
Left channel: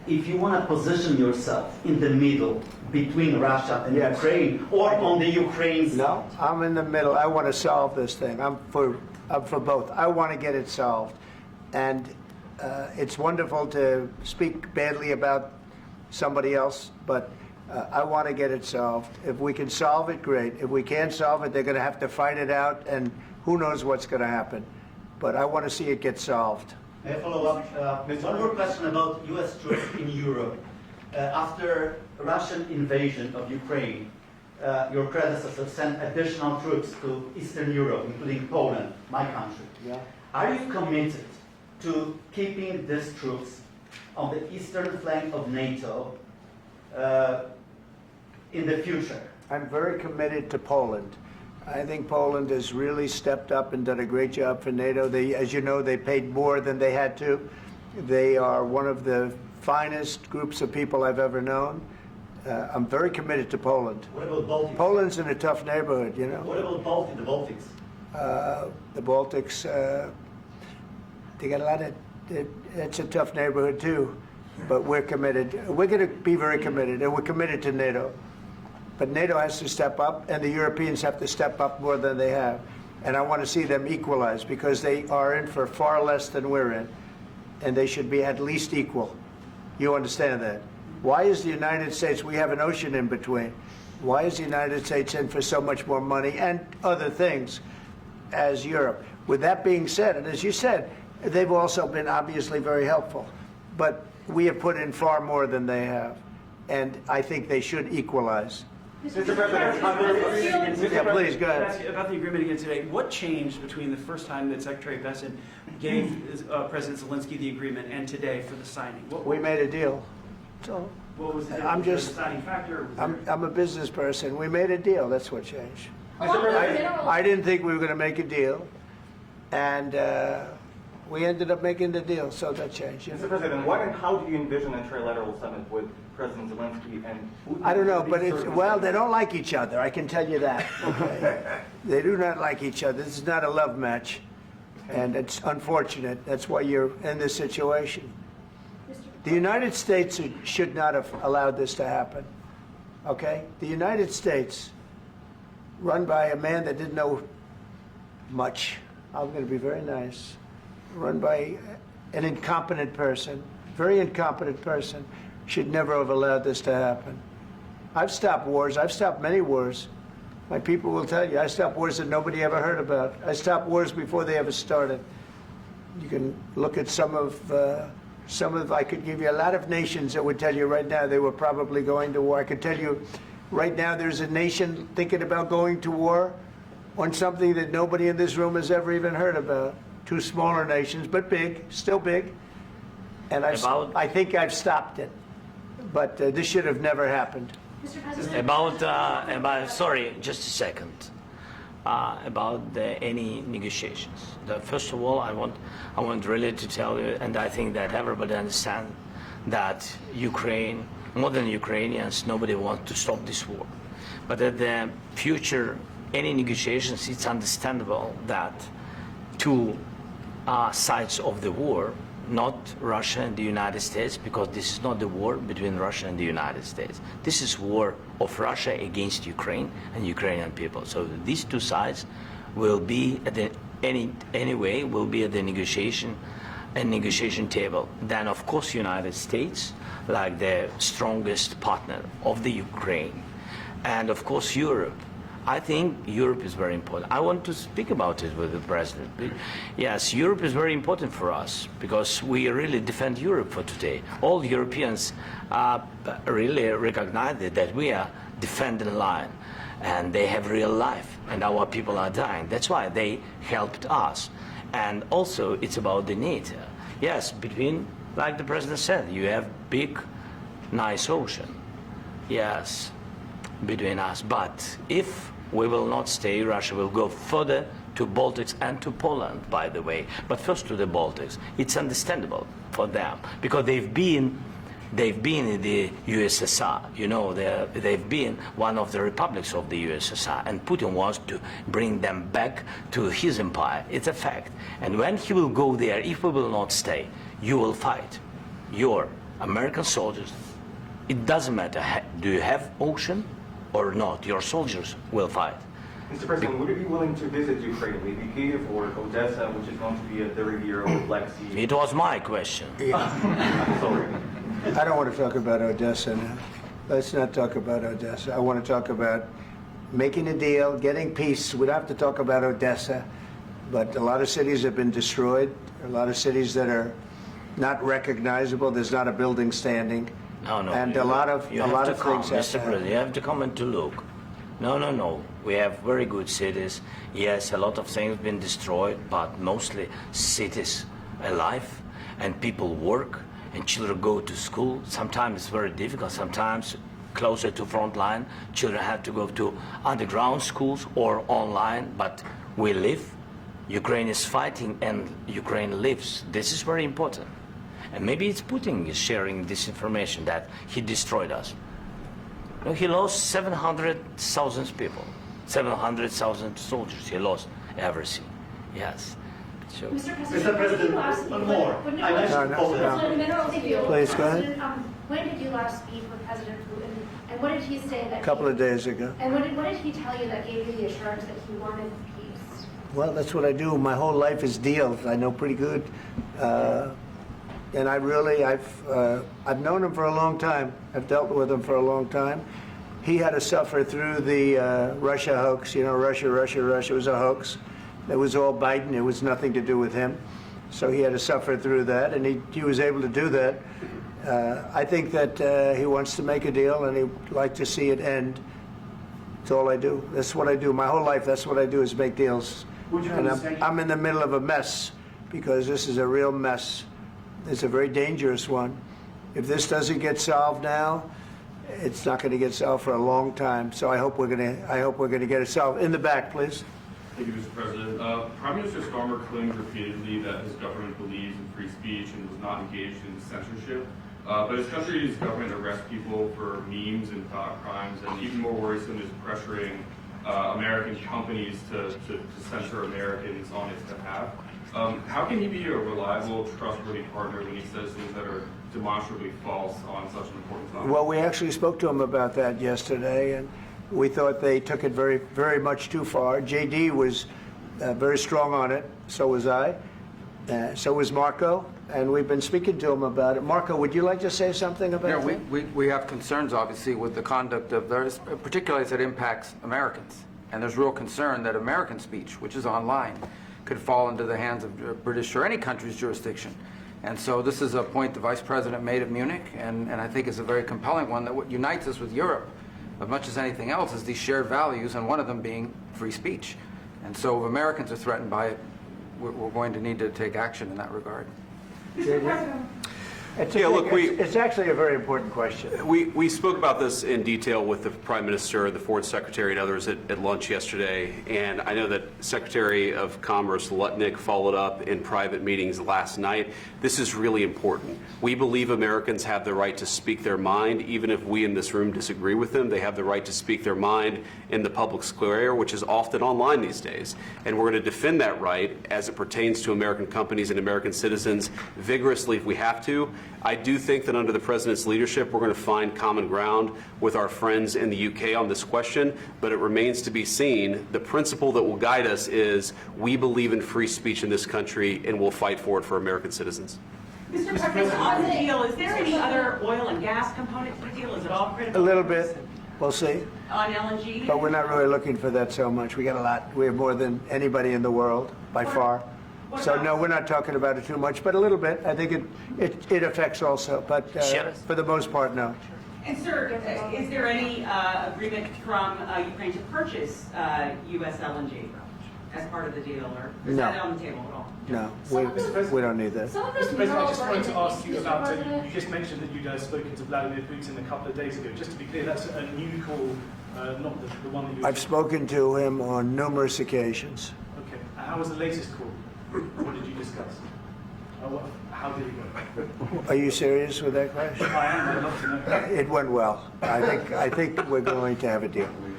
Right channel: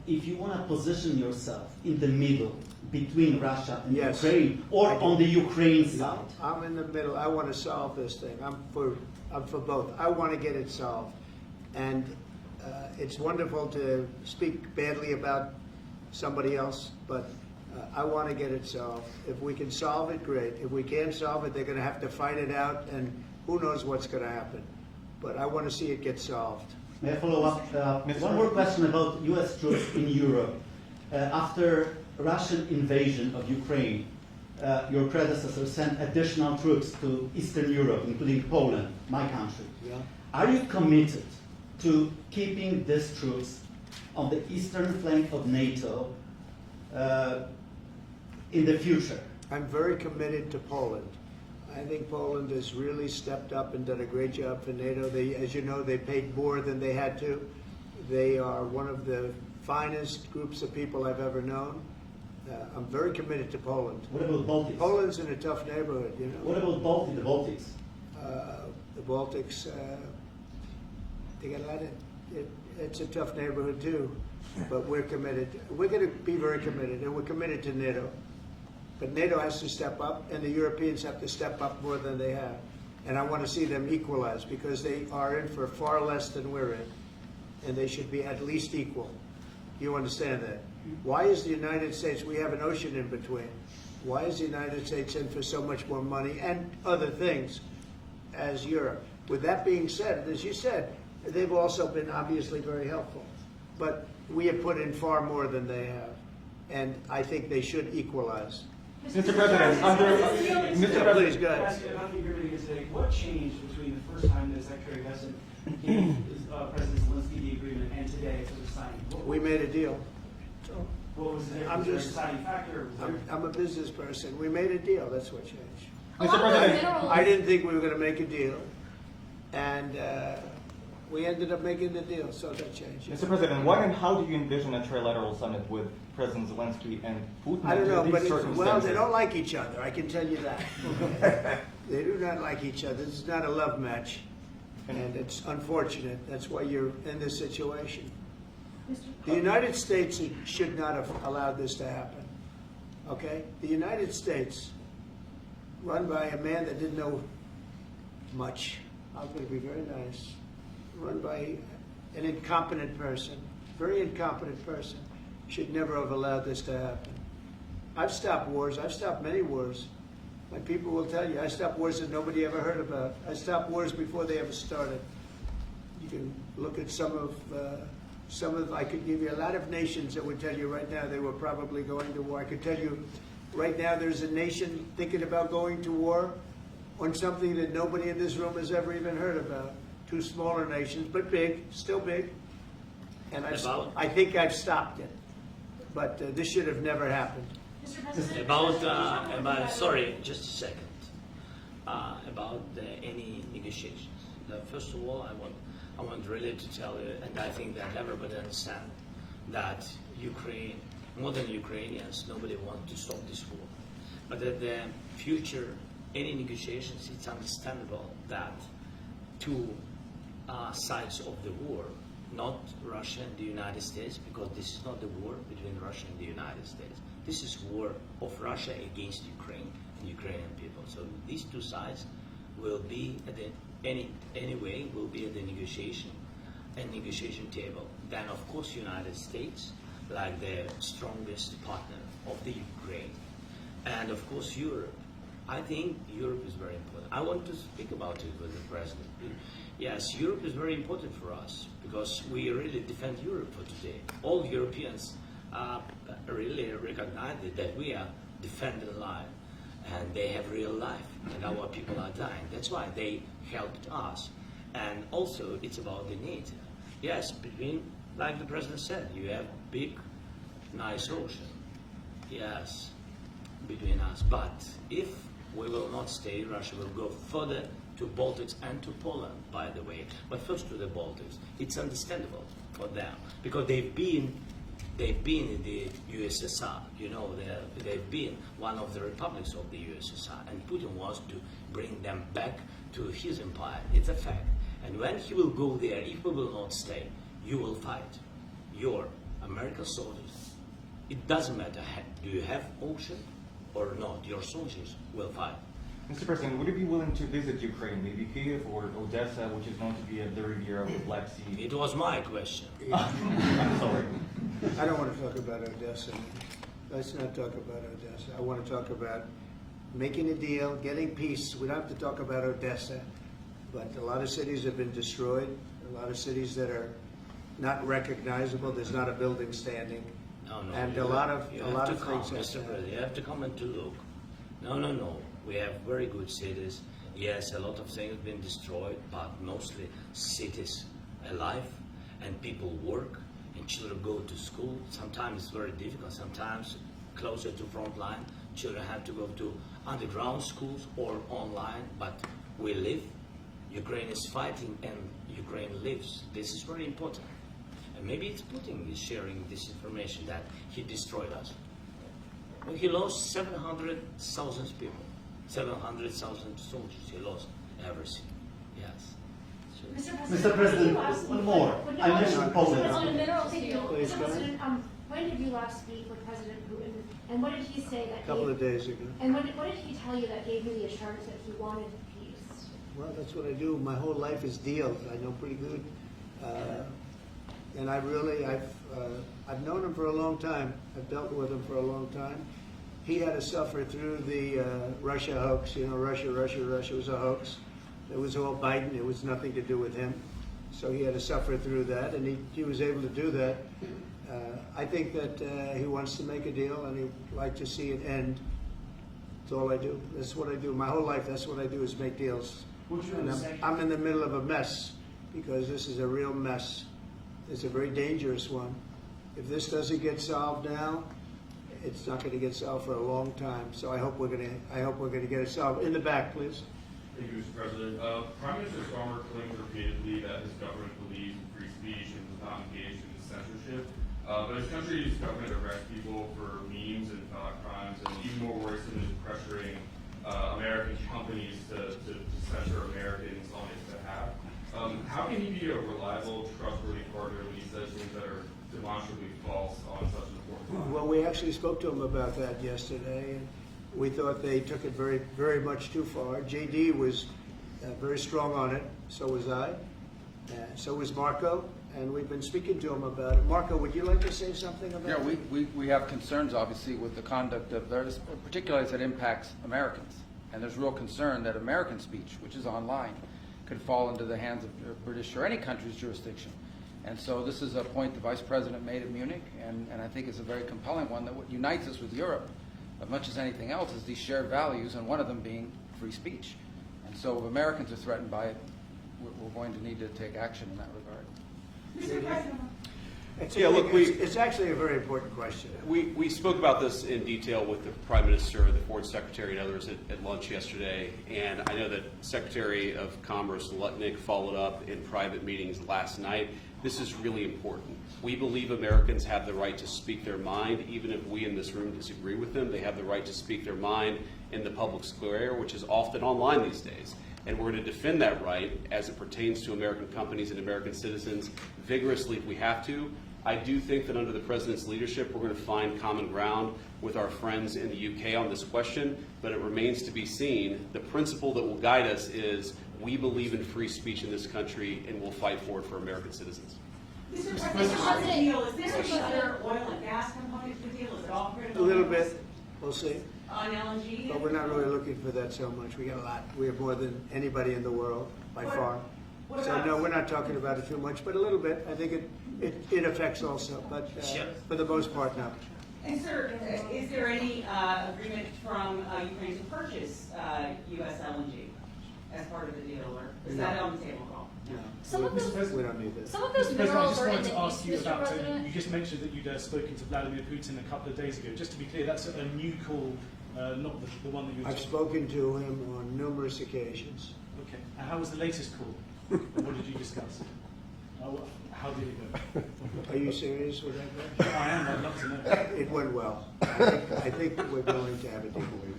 if you want to position yourself in the middle between Russia and Yes. Ukraine, or on the Ukraine side. No, I'm in the middle. I want to solve this thing. I'm for both. I want to get it solved. And it's wonderful to speak badly about somebody else, but I want to get it solved. If we can solve it, great. If we can't solve it, they're going to have to fight it out, and who knows what's going to happen. But I want to see it get solved. May I follow up? One more question about U.S. troops in Europe. After Russian invasion of Ukraine, your predecessor sent additional troops to Eastern Europe, including Poland, my country. Yeah. Are you committed to keeping these troops on the eastern flank of NATO in the future? I'm very committed to Poland. I think Poland has really stepped up and done a great job for NATO. They, as you know, they paid more than they had to. They are one of the finest groups of people I've ever known. I'm very committed to Poland. What about Baltics? Poland's in a tough neighborhood, you know. What about the Baltics? The Baltics, they got a lot of, it's a tough neighborhood too, but we're committed. We're going to be very committed, and we're committed to NATO. But NATO has to step up, and the Europeans have to step up more than they have. And I want to see them equalize, because they are in for far less than we're in, and they should be at least equal. You understand that? Why is the United States, we have an ocean in between, why is the United States in for so much more money and other things as Europe? With that being said, and as you said, they've also been obviously very helpful, but we have put in far more than they have, and I think they should equalize. Mr. President, under, Please, go ahead. About the agreement again today, what changed between the first time that Secretary Bessent gave President Zelenskyy the agreement and today for the signing? We made a deal. So What was the I'm just, deciding factor? I'm a business person. We made a deal. That's what changed. Along with minerals. I didn't think we were going to make a deal, and we ended up making the deal, so that changed. Mr. President, what and how do you envision a trilateral summit with President Zelenskyy and Putin? I don't know, under but these well, they circumstances? don't like each other. I can tell you that. Okay? They do not like each other. This is not a love match, and it's unfortunate. That's why you're in this situation. The United States should not have allowed this to happen. Okay? The United States, run by a man that didn't know much. I'm going to be very nice. Run by an incompetent person, very incompetent person, should never have allowed this to happen. I've stopped wars. I've stopped many wars. My people will tell you, I stopped wars that nobody ever heard about. I stopped wars before they ever started. You can look at some of, I could give you a lot of nations that would tell you right now they were probably going to war. I could tell you right now there's a nation thinking about going to war on something that nobody in this room has ever even heard about. Two smaller nations, but big, still big. And I think I've stopped it. But this should have never happened. Mr. President, About sorry, just a second. About any negotiations. First of all, I want really to tell you, and I think that everybody understands that Ukraine, more than Ukrainians, nobody wants to stop this war. But at the future, any negotiations, it's understandable that two sides of the war, not Russia and the United States, because this is not the war between Russia and the United States. This is war of Russia against Ukraine and Ukrainian people. So these two sides will be at the anyway will be at the negotiation table. Then of course United States, like the strongest partner of the Ukraine, and of course Europe. I think Europe is very important. I want to speak about it with the president. Yes, Europe is very important for us because we really defend Europe for today. All Europeans really recognize that we are defending line, and they have real life, and our people are dying. That's why they helped us. And also, it's about the NATO. Yes, between, like the president said, you have big, nice ocean. Yes, between us. But if we will not stay, Russia will go further to Baltics and to Poland, by the way. But first to the Baltics. It's understandable for them because they've been in the USSR. You know, they've been one of the republics of the USSR, and Putin wants to bring them back to his empire. It's a fact. And when he will go there, if we will not stay, you will fight your American soldiers, it doesn't matter, do you have ocean or not, your soldiers will fight. Mr. President, would you be willing to visit Ukraine, maybe Kyiv or Odessa, which is going to be a 30-year-old Black Sea? It was my question. I'm sorry. I don't want to talk about Odessa now. Let's not talk about Odessa. I want to talk about making a deal, getting peace. We don't have to talk about Odessa, but a lot of cities have been destroyed. A lot of cities that are not recognizable. There's not a building standing. No, And a lot of things have Mr. to President, happen. you have to come and to look. No. We have very good cities. Yes, a lot of things been destroyed, but mostly cities alive, and people work, and children go to school. Sometimes it's very difficult. Sometimes closer to front line, children have to go to underground schools or online. But we live. Ukraine is fighting, and Ukraine lives. This is very important. And maybe it's Putin is sharing this information that he destroyed us. You know, he lost 700,000 people, 700,000 soldiers. He lost everything. Yes. So, Mr. President, one more. I mentioned Poland. Please, go ahead. When did you last speak with President Putin, and what did he say that? A couple of days ago. And what did he tell you that gave you the assurance that he wanted peace? Well, that's what I do. My whole life is deals. I know pretty good. And I've known him for a long time. I've dealt with him for a long time. He had to suffer through the Russia hoax. You know, Russia was a hoax. It was all Biden. It was nothing to do with him. So he had to suffer through that, and he was able to do that. I think that he wants to make a deal, and he'd like to see it end. That's all I do. That's what I do. My whole life, that's what I do, is make deals. And I'm in the middle of a mess, because this is a real mess. It's a very dangerous one. If this doesn't get solved now, it's not going to get solved for a long time. So I hope we're going to get it solved. In the back, please. Thank you, Mr. President. Prime Minister Starmer claims repeatedly that his government believes in free speech and was not engaged in censorship. But his country's government arrests people for memes and thought crimes, and even more worrisome is pressuring American companies to censor Americans on its behalf. How can he be a reliable, trustworthy partner when he says things that are demonstrably false on such an important topic? Well, we actually spoke to him about that yesterday, and we thought they took it very, very much too far. JD was very strong on it. So was I. So was Marco. And we've been speaking to him about it. Marco, would you like to say something about that? We have concerns, obviously, with the conduct of those, particularly as it impacts Americans. And there's real concern that American speech, which is online, could fall into the hands of British or any country's jurisdiction. And so this is a point the Vice President made of Munich, and I think it's a very compelling one, that what unites us with Europe, as much as anything else, is these shared values, and one of them being free speech. And so if Americans are threatened by it, we're going to need to take action in that regard. Mr. President. It's actually a very important question. We spoke about this in detail with the Prime Minister, the Foreign Secretary, and others at lunch yesterday. And I know that Secretary of Commerce Lutnick followed up in private meetings last night. This is really important. We believe Americans have the right to speak their mind, even if we in this room disagree with them. They have the right to speak their mind in the public square, which is often online these days. And we're going to defend that right as it pertains to American companies and American citizens vigorously if we have to. I do think that under the President's leadership, we're going to find common ground with our friends in the UK on this question, but it remains to be seen. The principle that will guide us is we believe in free speech in this country, and we'll fight for it for American citizens. Mr. President, on the deal, is there any other oil and gas component to the deal? Is it all critical? A little bit. We'll see. On LNG? But we're not really looking for that so much. We got a lot. We have more than anybody in the world, by far. So no, we're not talking about it too much, but a little bit. I think it affects also, but for the most part, no. And sir, is there any agreement from Ukraine to purchase U.S. LNG as part of the deal, or is that on the table at all? No, we don't need that. Mr. President, I just wanted to ask you about, you just mentioned that you guys spoken to Vladimir Putin a couple of days ago. Just to be clear, that's a new call, not the one that you... I've spoken to him on numerous occasions. Okay, and how was the latest call? What did you discuss? How did it go? Are you serious with that question? I am. I'd love to know. It went well. I think we're going to have a deal.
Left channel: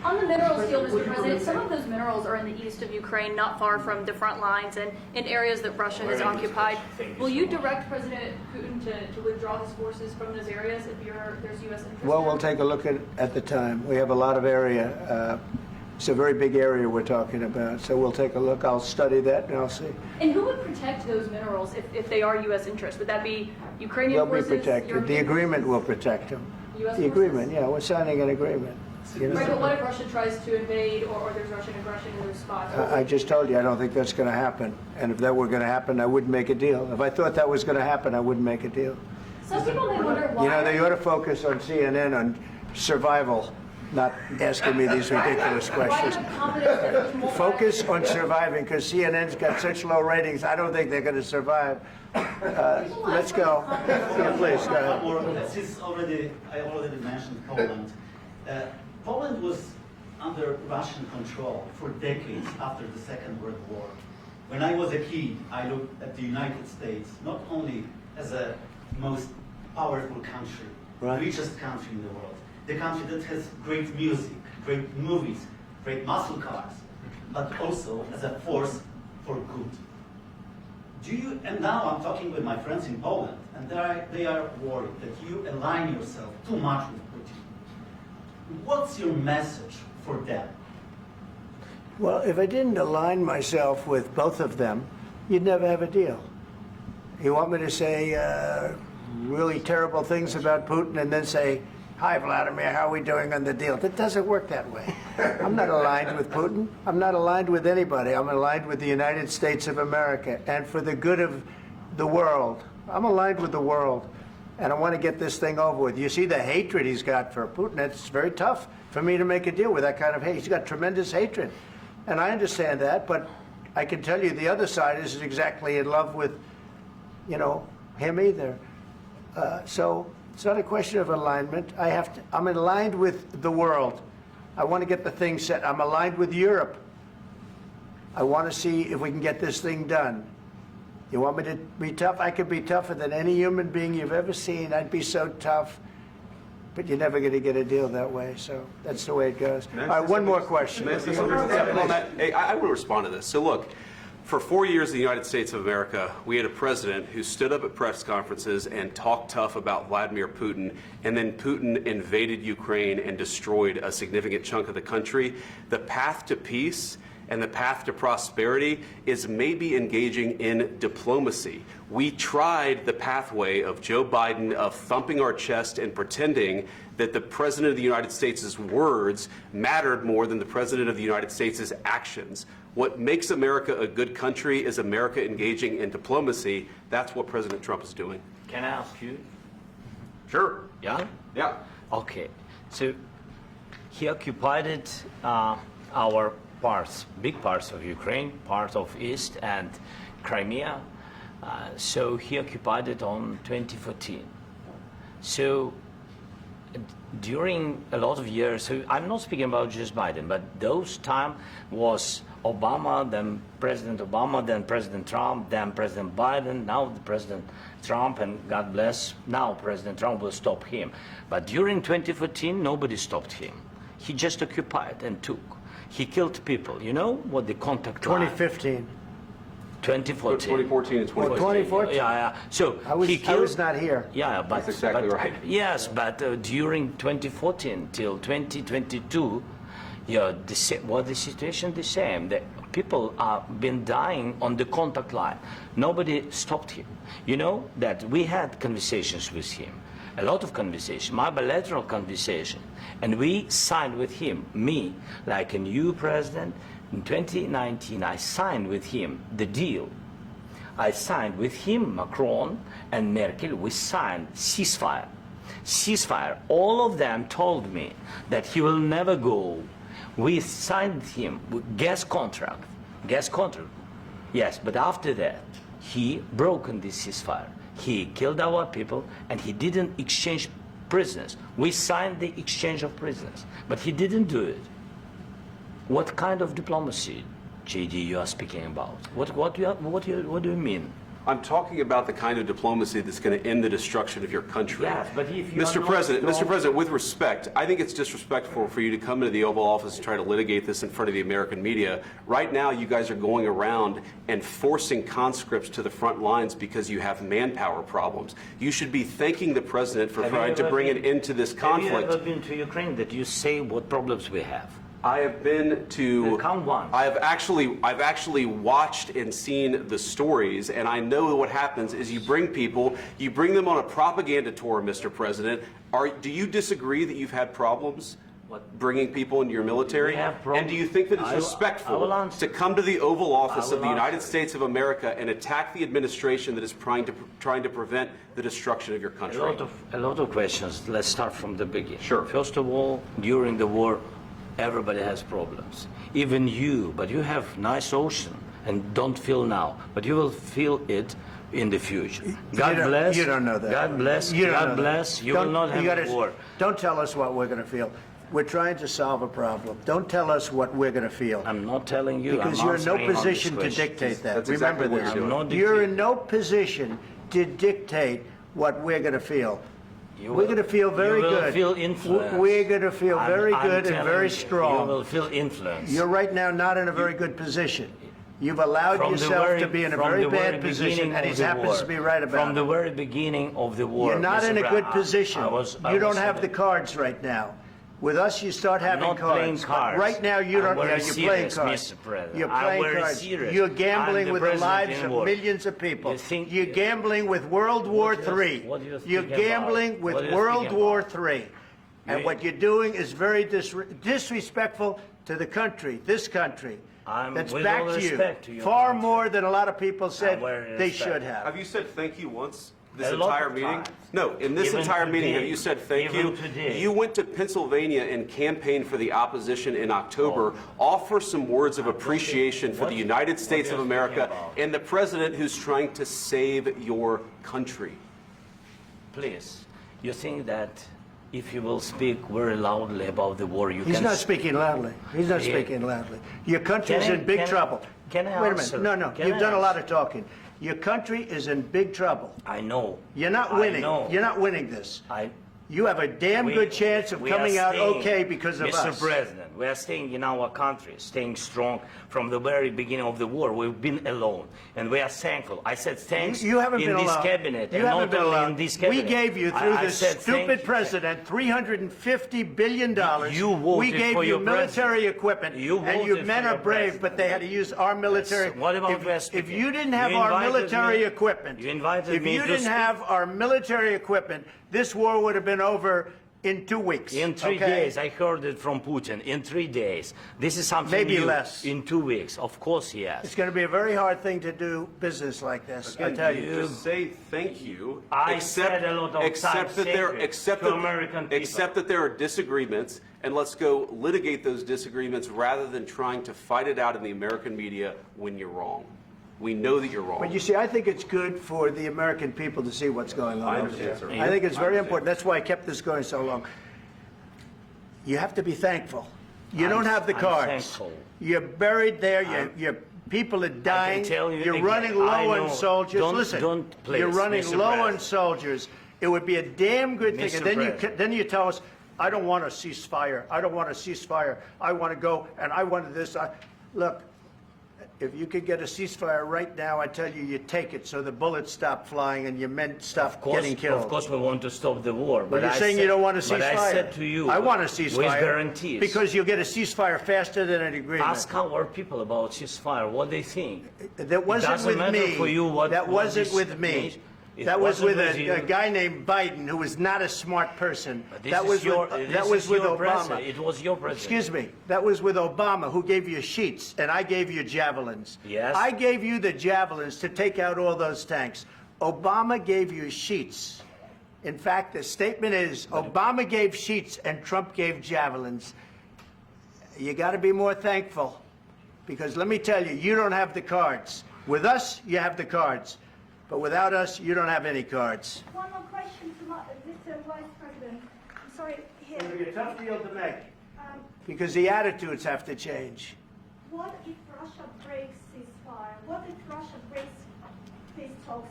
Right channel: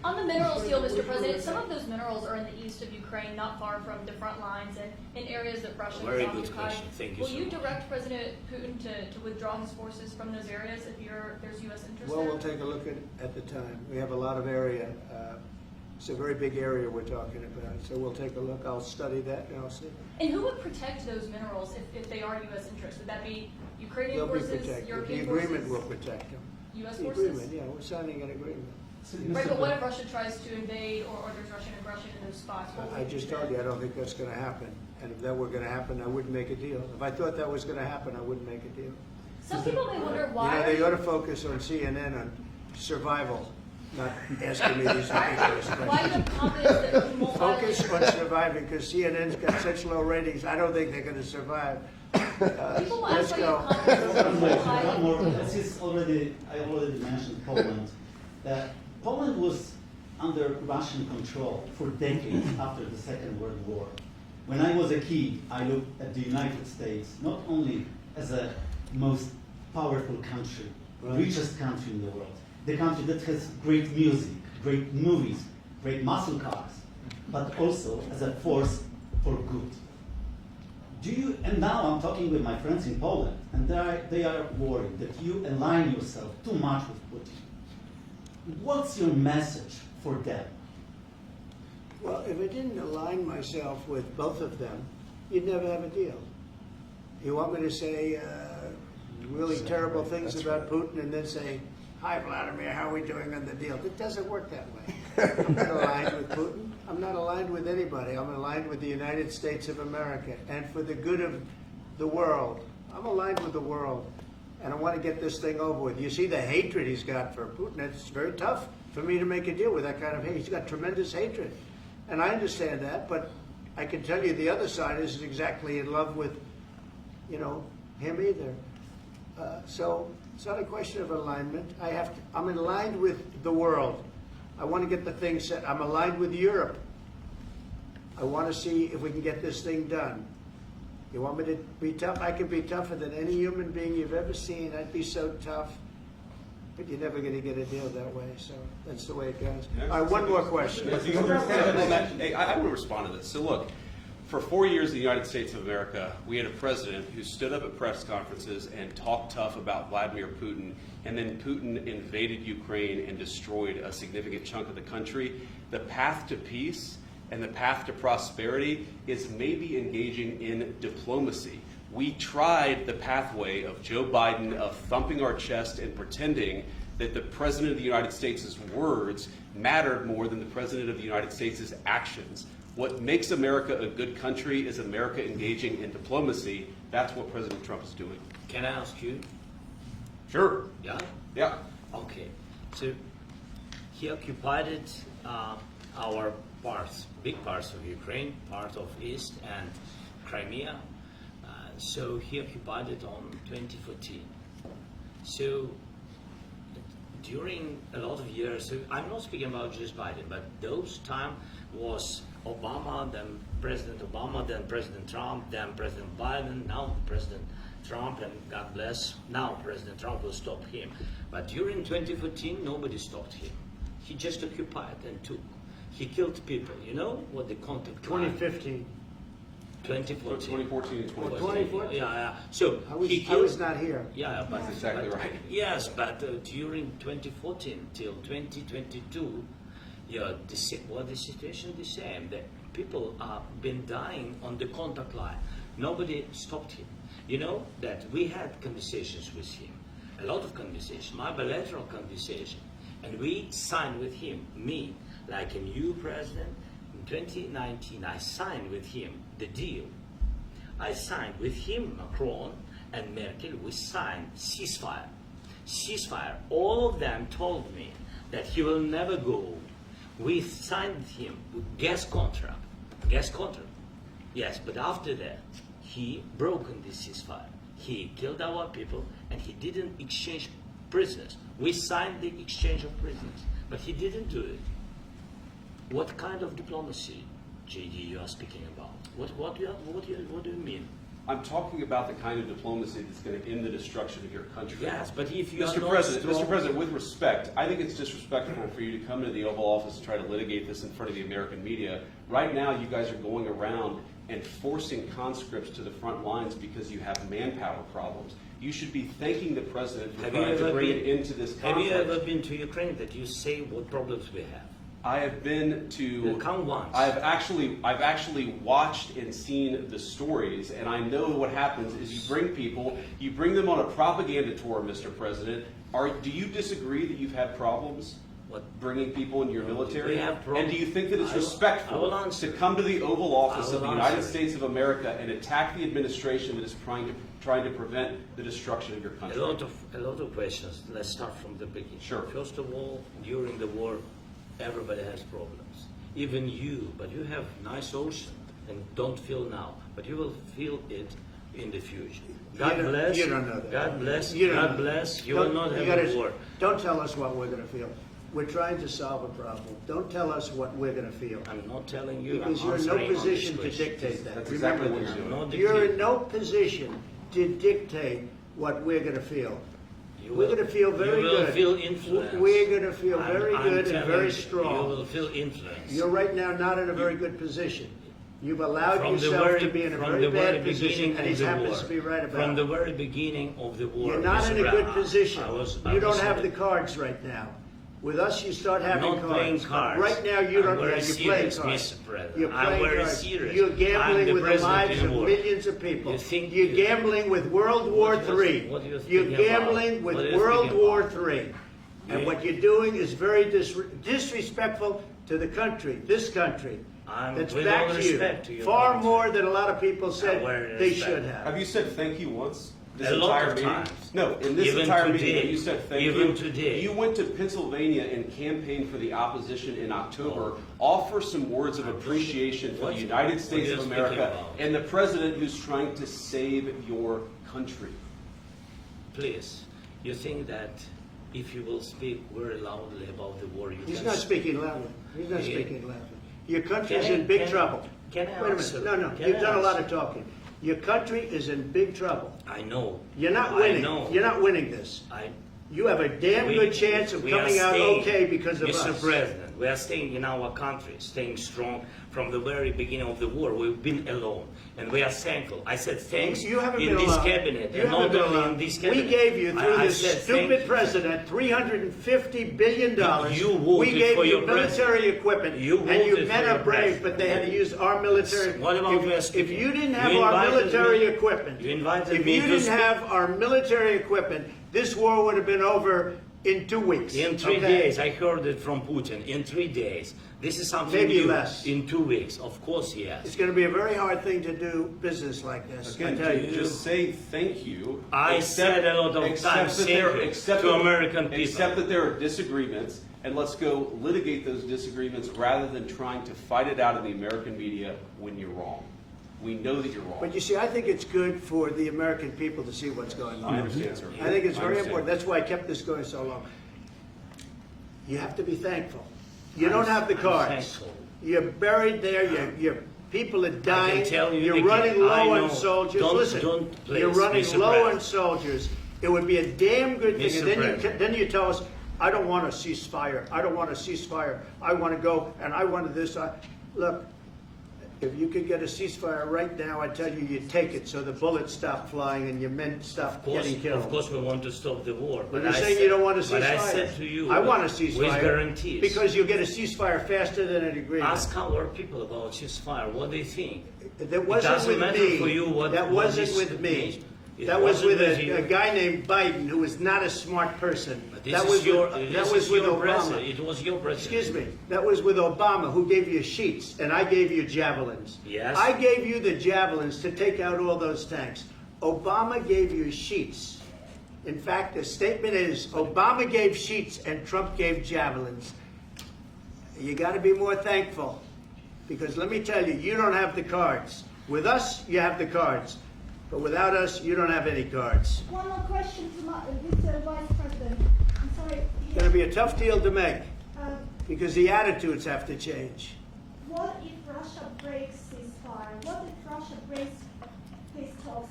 On the minerals deal, Mr. President, some of those minerals are in the east of Ukraine, not far from the front lines and in areas that Russia has occupied. Will you direct President Putin to withdraw his forces from those areas if there's U.S. interest Well, there? we'll take a look at the time. We have a lot of area. It's a very big area we're talking about, so we'll take a look. I'll study that and I'll see. And who would protect those minerals if they are U.S. interests? Would that be Ukrainian They'll be forces? protected. The European agreement will forces? protect them. U.S. The forces? agreement, yeah, we're signing an agreement. You know? Right, but what if Russia tries to invade or there's Russian aggression in those spots? I just told you, I don't think that's going to happen. And if that were going to happen, I wouldn't make a deal. If I thought that was going to happen, I wouldn't make a deal. Some people may wonder You why. know, they ought to focus on CNN on survival, not asking me these ridiculous Why questions. the confidence that you won't Focus on surviving, because CNN's got such low ratings, I don't think they're going to survive. Let's go. Please, go ahead. One more. Since I already mentioned Poland. Poland was under Russian control for decades after the Second World War. When I was a kid, I looked at the United States not only as a most powerful country, richest country in the world, the country that has great music, great movies, great muscle cars, but also as a force for good. And now I'm talking with my friends in Poland, and they are worried that you align yourself too much with Putin. What's your message for them? Well, if I didn't align myself with both of them, you'd never have a deal. You want me to say really terrible things about Putin and then say, "Hi, Vladimir, how are we doing on the deal?" That doesn't work that way. I'm not aligned with Putin. I'm not aligned with anybody. I'm aligned with the United States of America and for the good of the world. I'm aligned with the world, and I want to get this thing over with. You see the hatred he's got for Putin. It's very tough for me to make a deal with that kind of hate. He's got tremendous hatred, and I understand that, but I can tell you the other side isn't exactly in love with, him either. So it's not a question of alignment. I'm aligned with the world. I want to get the thing set. I'm aligned with Europe. I want to see if we can get this thing done. You want me to be tough? I could be tougher than any human being you've ever seen. I'd be so tough. But you're never going to get a deal that way, so that's the way it goes. All right, one more question. I will respond to this. So look, for 4 years in the United States of America, we had a president who stood up at press conferences and talked tough about Vladimir Putin, and then Putin invaded Ukraine and destroyed a significant chunk of the country. The path to peace and the path to prosperity is maybe engaging in diplomacy. We tried the pathway of Joe Biden of thumping our chest and pretending that the President of the United States' words mattered more than the President of the United States' actions. What makes America a good country is America engaging in diplomacy. That's what President Trump is doing. Can I ask you? Sure. Yeah? Yeah. Okay. So he occupied our parts, big parts of Ukraine, part of East and Crimea. So he occupied it on 2014. So during a lot of years, so I'm not speaking about just Biden, but those time was Obama, then President Obama, then President Trump, then President Biden, now President Trump, and God bless, now President Trump will stop him. But during 2014, nobody stopped him. He just occupied and took. He killed people. You know what the contact line? 2015. 2014 2014. and 2015. 2014. Yeah. So I was not here. Yeah, but That's exactly right. Yes, but during 2014 till 2022, the situation the same. That people have been dying on the contact line. Nobody stopped him. You know that we had conversations with him, a lot of conversations, my bilateral conversation, and we signed with him. Me, like a new president. In 2019, I signed with him the deal. I signed with him, Macron and Merkel, we signed ceasefire. Ceasefire. All of them told me that he will never go. We signed with him with gas contract. Gas contract. Yes, but after that, he broken this ceasefire. He killed our people and he didn't exchange prisoners. We signed the exchange of prisoners, but he didn't do it. What kind of diplomacy, JD, you are speaking about? What do you mean? I'm talking about the kind of diplomacy that's going to end the destruction of your country. Yes, but if you Mr. are President, not Mr. President, with respect, I think it's disrespectful for you to come into the Oval Office and try to litigate this in front of the American media. Right now, you guys are going around and forcing conscripts to the front lines because you have manpower problems. You should be thanking the President for trying to bring an end to this conflict. Have you ever been to Ukraine that you say what problems we have? I have been to. Come once. I've actually watched and seen the stories, and I know what happens is you bring them on a propaganda tour, Mr. President. Do you disagree that you've had problems bringing people into your military? And do you think that it's respectful to come to the Oval Office of the United States of America and attack the administration that is trying to prevent the destruction of your country? A lot of questions. Let's start from the beginning. Sure. First of all, during the war, everybody has problems. Even you, but you have nice ocean and don't feel now, but you will feel it in the future. God bless. You don't know that. God bless. You don't God know that. bless. You will not have a war. Don't tell us what we're going to feel. We're trying to solve a problem. Don't tell us what we're going to feel. I'm not telling you. Because I'm you're in no answering on position this to question. dictate that. That's Remember exactly what this. you're doing. You're in no position to dictate what we're going to feel. We're going to feel very good. You will feel influence. We're going to feel very I'm good and telling very you, strong. You will feel influence. You're right now not in a very good position. You've allowed yourself to be in a very bad position, and he happens to be right about it. From the very beginning of the war. You're not in a good position. You don't have the the cards right now. With us, you start having not playing cards. cards. Right now, you don't. I'm You're playing serious, cards. Mr. President. You're I'm playing very cards. serious. You're I'm gambling the with the president lives in of war. millions of people. You think You're you- gambling with World War III. what do you You're think about? gambling with What do you World think War about? III. And what you're doing is very disrespectful to the country, this country. That's with back all to respect to you. your Far country. more than a lot of people said very they respect. should have. Have you said thank you once? This A lot entire of meeting? times. No, in this Even entire meeting, today. have you said thank Even you? today. You went to Pennsylvania and campaigned for the opposition in October. Offer some words of appreciation for the United States what of are you speaking America about? and the president who's trying to save your country. Please, you think that if you will speak very loudly about the war, you He's can... not speaking loudly. He's not Yeah. speaking loudly. Your country's Can I- in big can I- trouble. can I Wait a answer? minute. No, Can you've I done a lot answer? of talking. Your country is in big trouble. I know. You're not I winning. know. You're not winning this. You have a damn good chance of we are coming out staying, okay because of Mr. us. President, we are staying in our country, staying strong from the very beginning of the war. We've been alone, and we are thankful. I said thanks You haven't in been this alone. cabinet, You and haven't not been only alone. in this We cabinet. gave you, through I this said stupid thank- president, $350 billion. You We voted gave for you your military president. equipment, You and you voted men for are your brave, president. but they had to use our military. What about you as If you didn't have You our invited military me- equipment, you invited if me you to didn't speak- have our military equipment, this war would have been over in 2 weeks. In 3 okay? days, I heard it from Putin. In 3 days, this is something Maybe new. less. In 2 weeks, of course, yes. It's going to be a very hard thing to do business like this. I Again, tell you. just say thank you. I said a lot of times thank you to American people. Accept that there are disagreements, and let's go litigate those disagreements rather than trying to fight it out in the American media when you're wrong. We know that you're wrong. But you see, I think it's good for the American people to see what's going on. I understand, sir. I think it's I very understand. important. That's why I kept this going so long. You have to be thankful. You don't have the I'm cards. thankful. You're buried there. Your people are dying. tell you You're again, running I low know. on soldiers. Don't- Listen, don't, please, you're running Mr. low on President. soldiers. It would be a damn good thing. Mr. And then President. then you tell us, I don't want a ceasefire. I don't want a ceasefire. I want to go and I want this. Look, if you could get a ceasefire right now, I tell you, you take it so the bullets stop flying and your men stop getting killed. Of course, we want to stop the war. But you're I saying said- you don't want a ceasefire. But I said to you, I want a with ceasefire. guarantees. Because you'll get a ceasefire faster than an agreement. Ask our people about ceasefire, what they think. That wasn't doesn't with matter me. for you what- That what wasn't this with me. means. It That was with wasn't with a you. guy named Biden who was not a smart person. This That is was your, with, this that is was with your Obama. president. It was your president. Excuse me. That was with Obama, who gave you sheets, and I gave you javelins. Yes. I gave you the javelins to take out all those tanks. Obama gave you sheets. In fact, the statement is Obama gave sheets and Trump gave javelins. You got to be more thankful, because let me tell you, you don't have the cards. With us, you have the cards. But without us, you don't have any cards. One more question to Mr. Vice President. I'm sorry. It's going to be a tough deal to make, Um, because the attitudes have to change. What if Russia breaks ceasefire? What if Russia breaks peace talks?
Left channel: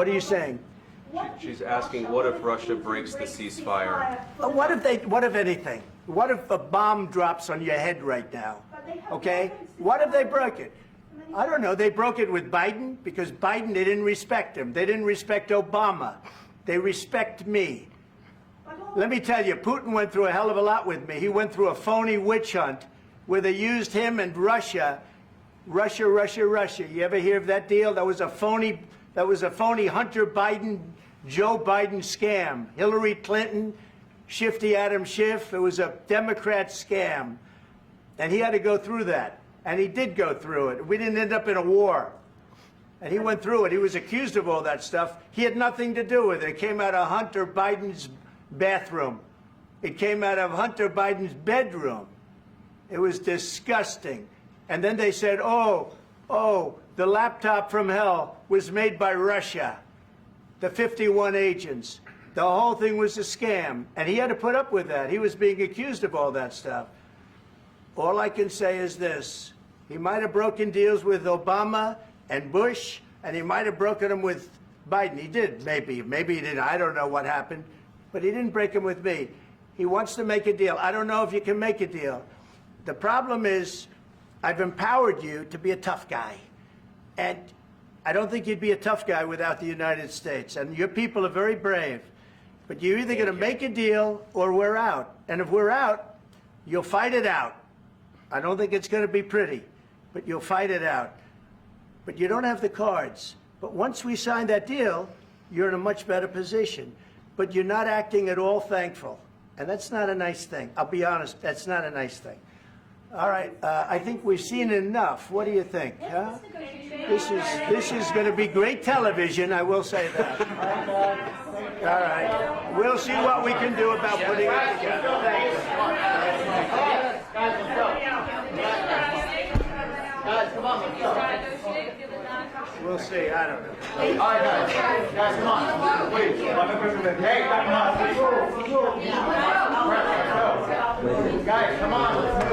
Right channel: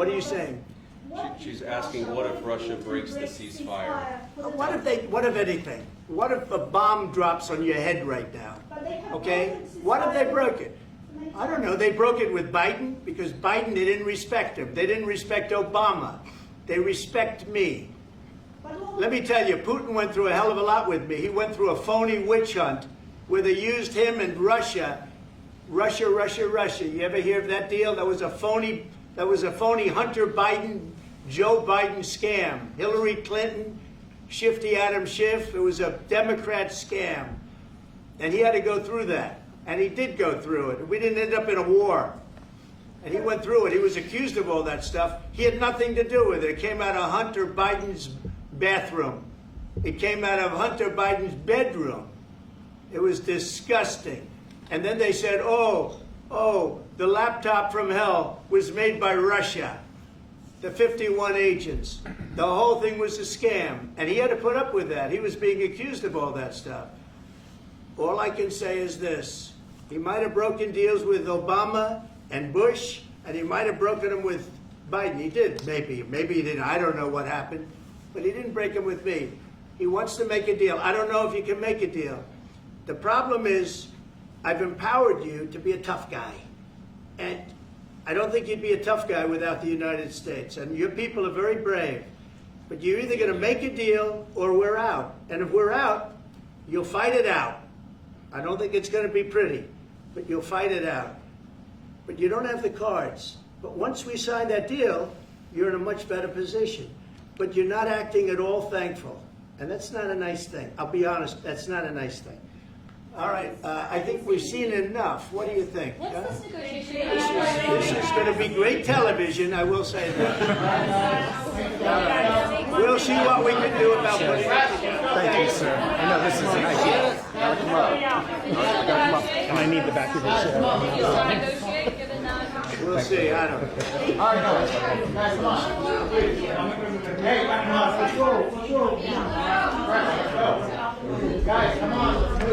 What are you saying? She's asking, what if Russia breaks the ceasefire? What if anything? What if a bomb drops on your head right now? Okay? What if they broke it? I don't know. They broke it with Biden because Biden, they didn't respect him. They didn't respect Obama. They respect me. Let me tell you, Putin went through a hell of a lot with me. He went through a phony witch hunt where they used him and Russia. Russia. You ever hear of that deal? That was a phony Hunter Biden, Joe Biden scam. Hillary Clinton, Shifty Adam Schiff. It was a Democrat scam. And he had to go through that. And he did go through it. We didn't end up in a war. And he went through it. He was accused of all that stuff. He had nothing to do with it. It came out of Hunter Biden's bathroom. It came out of Hunter Biden's bedroom. It was disgusting. And then they said, oh, the laptop from hell was made by Russia. The 51 agents. The whole thing was a scam. And he had to put up with that. He was being accused of all that stuff. All I can say is this. He might have broken deals with Obama and Bush, and he might have broken them with Biden. He did, maybe. Maybe he didn't. I don't know what happened. But he didn't break them with me. He wants to make a deal. I don't know if you can make a deal. The problem is, I've empowered you to be a tough guy. And I don't think you'd be a tough guy without the United States. And your people are very brave. But you're either going to make a deal or we're out. And if we're out, you'll fight it out. I don't think it's going to be pretty, but you'll fight it out. But you don't have the cards. But once we sign that deal, you're in a much better position. But you're not acting at all thankful. And that's not a nice thing. I'll be honest, that's not a nice thing. All right, I think we've seen enough. What do you think? Huh? This is going to be great television, I will say that. All right. We'll see what we can do about putting it together. Thanks, sir. I know this is I need the back of the We'll see. I don't know. All right, guys, come on. Wait, hey, guys, come on. Let's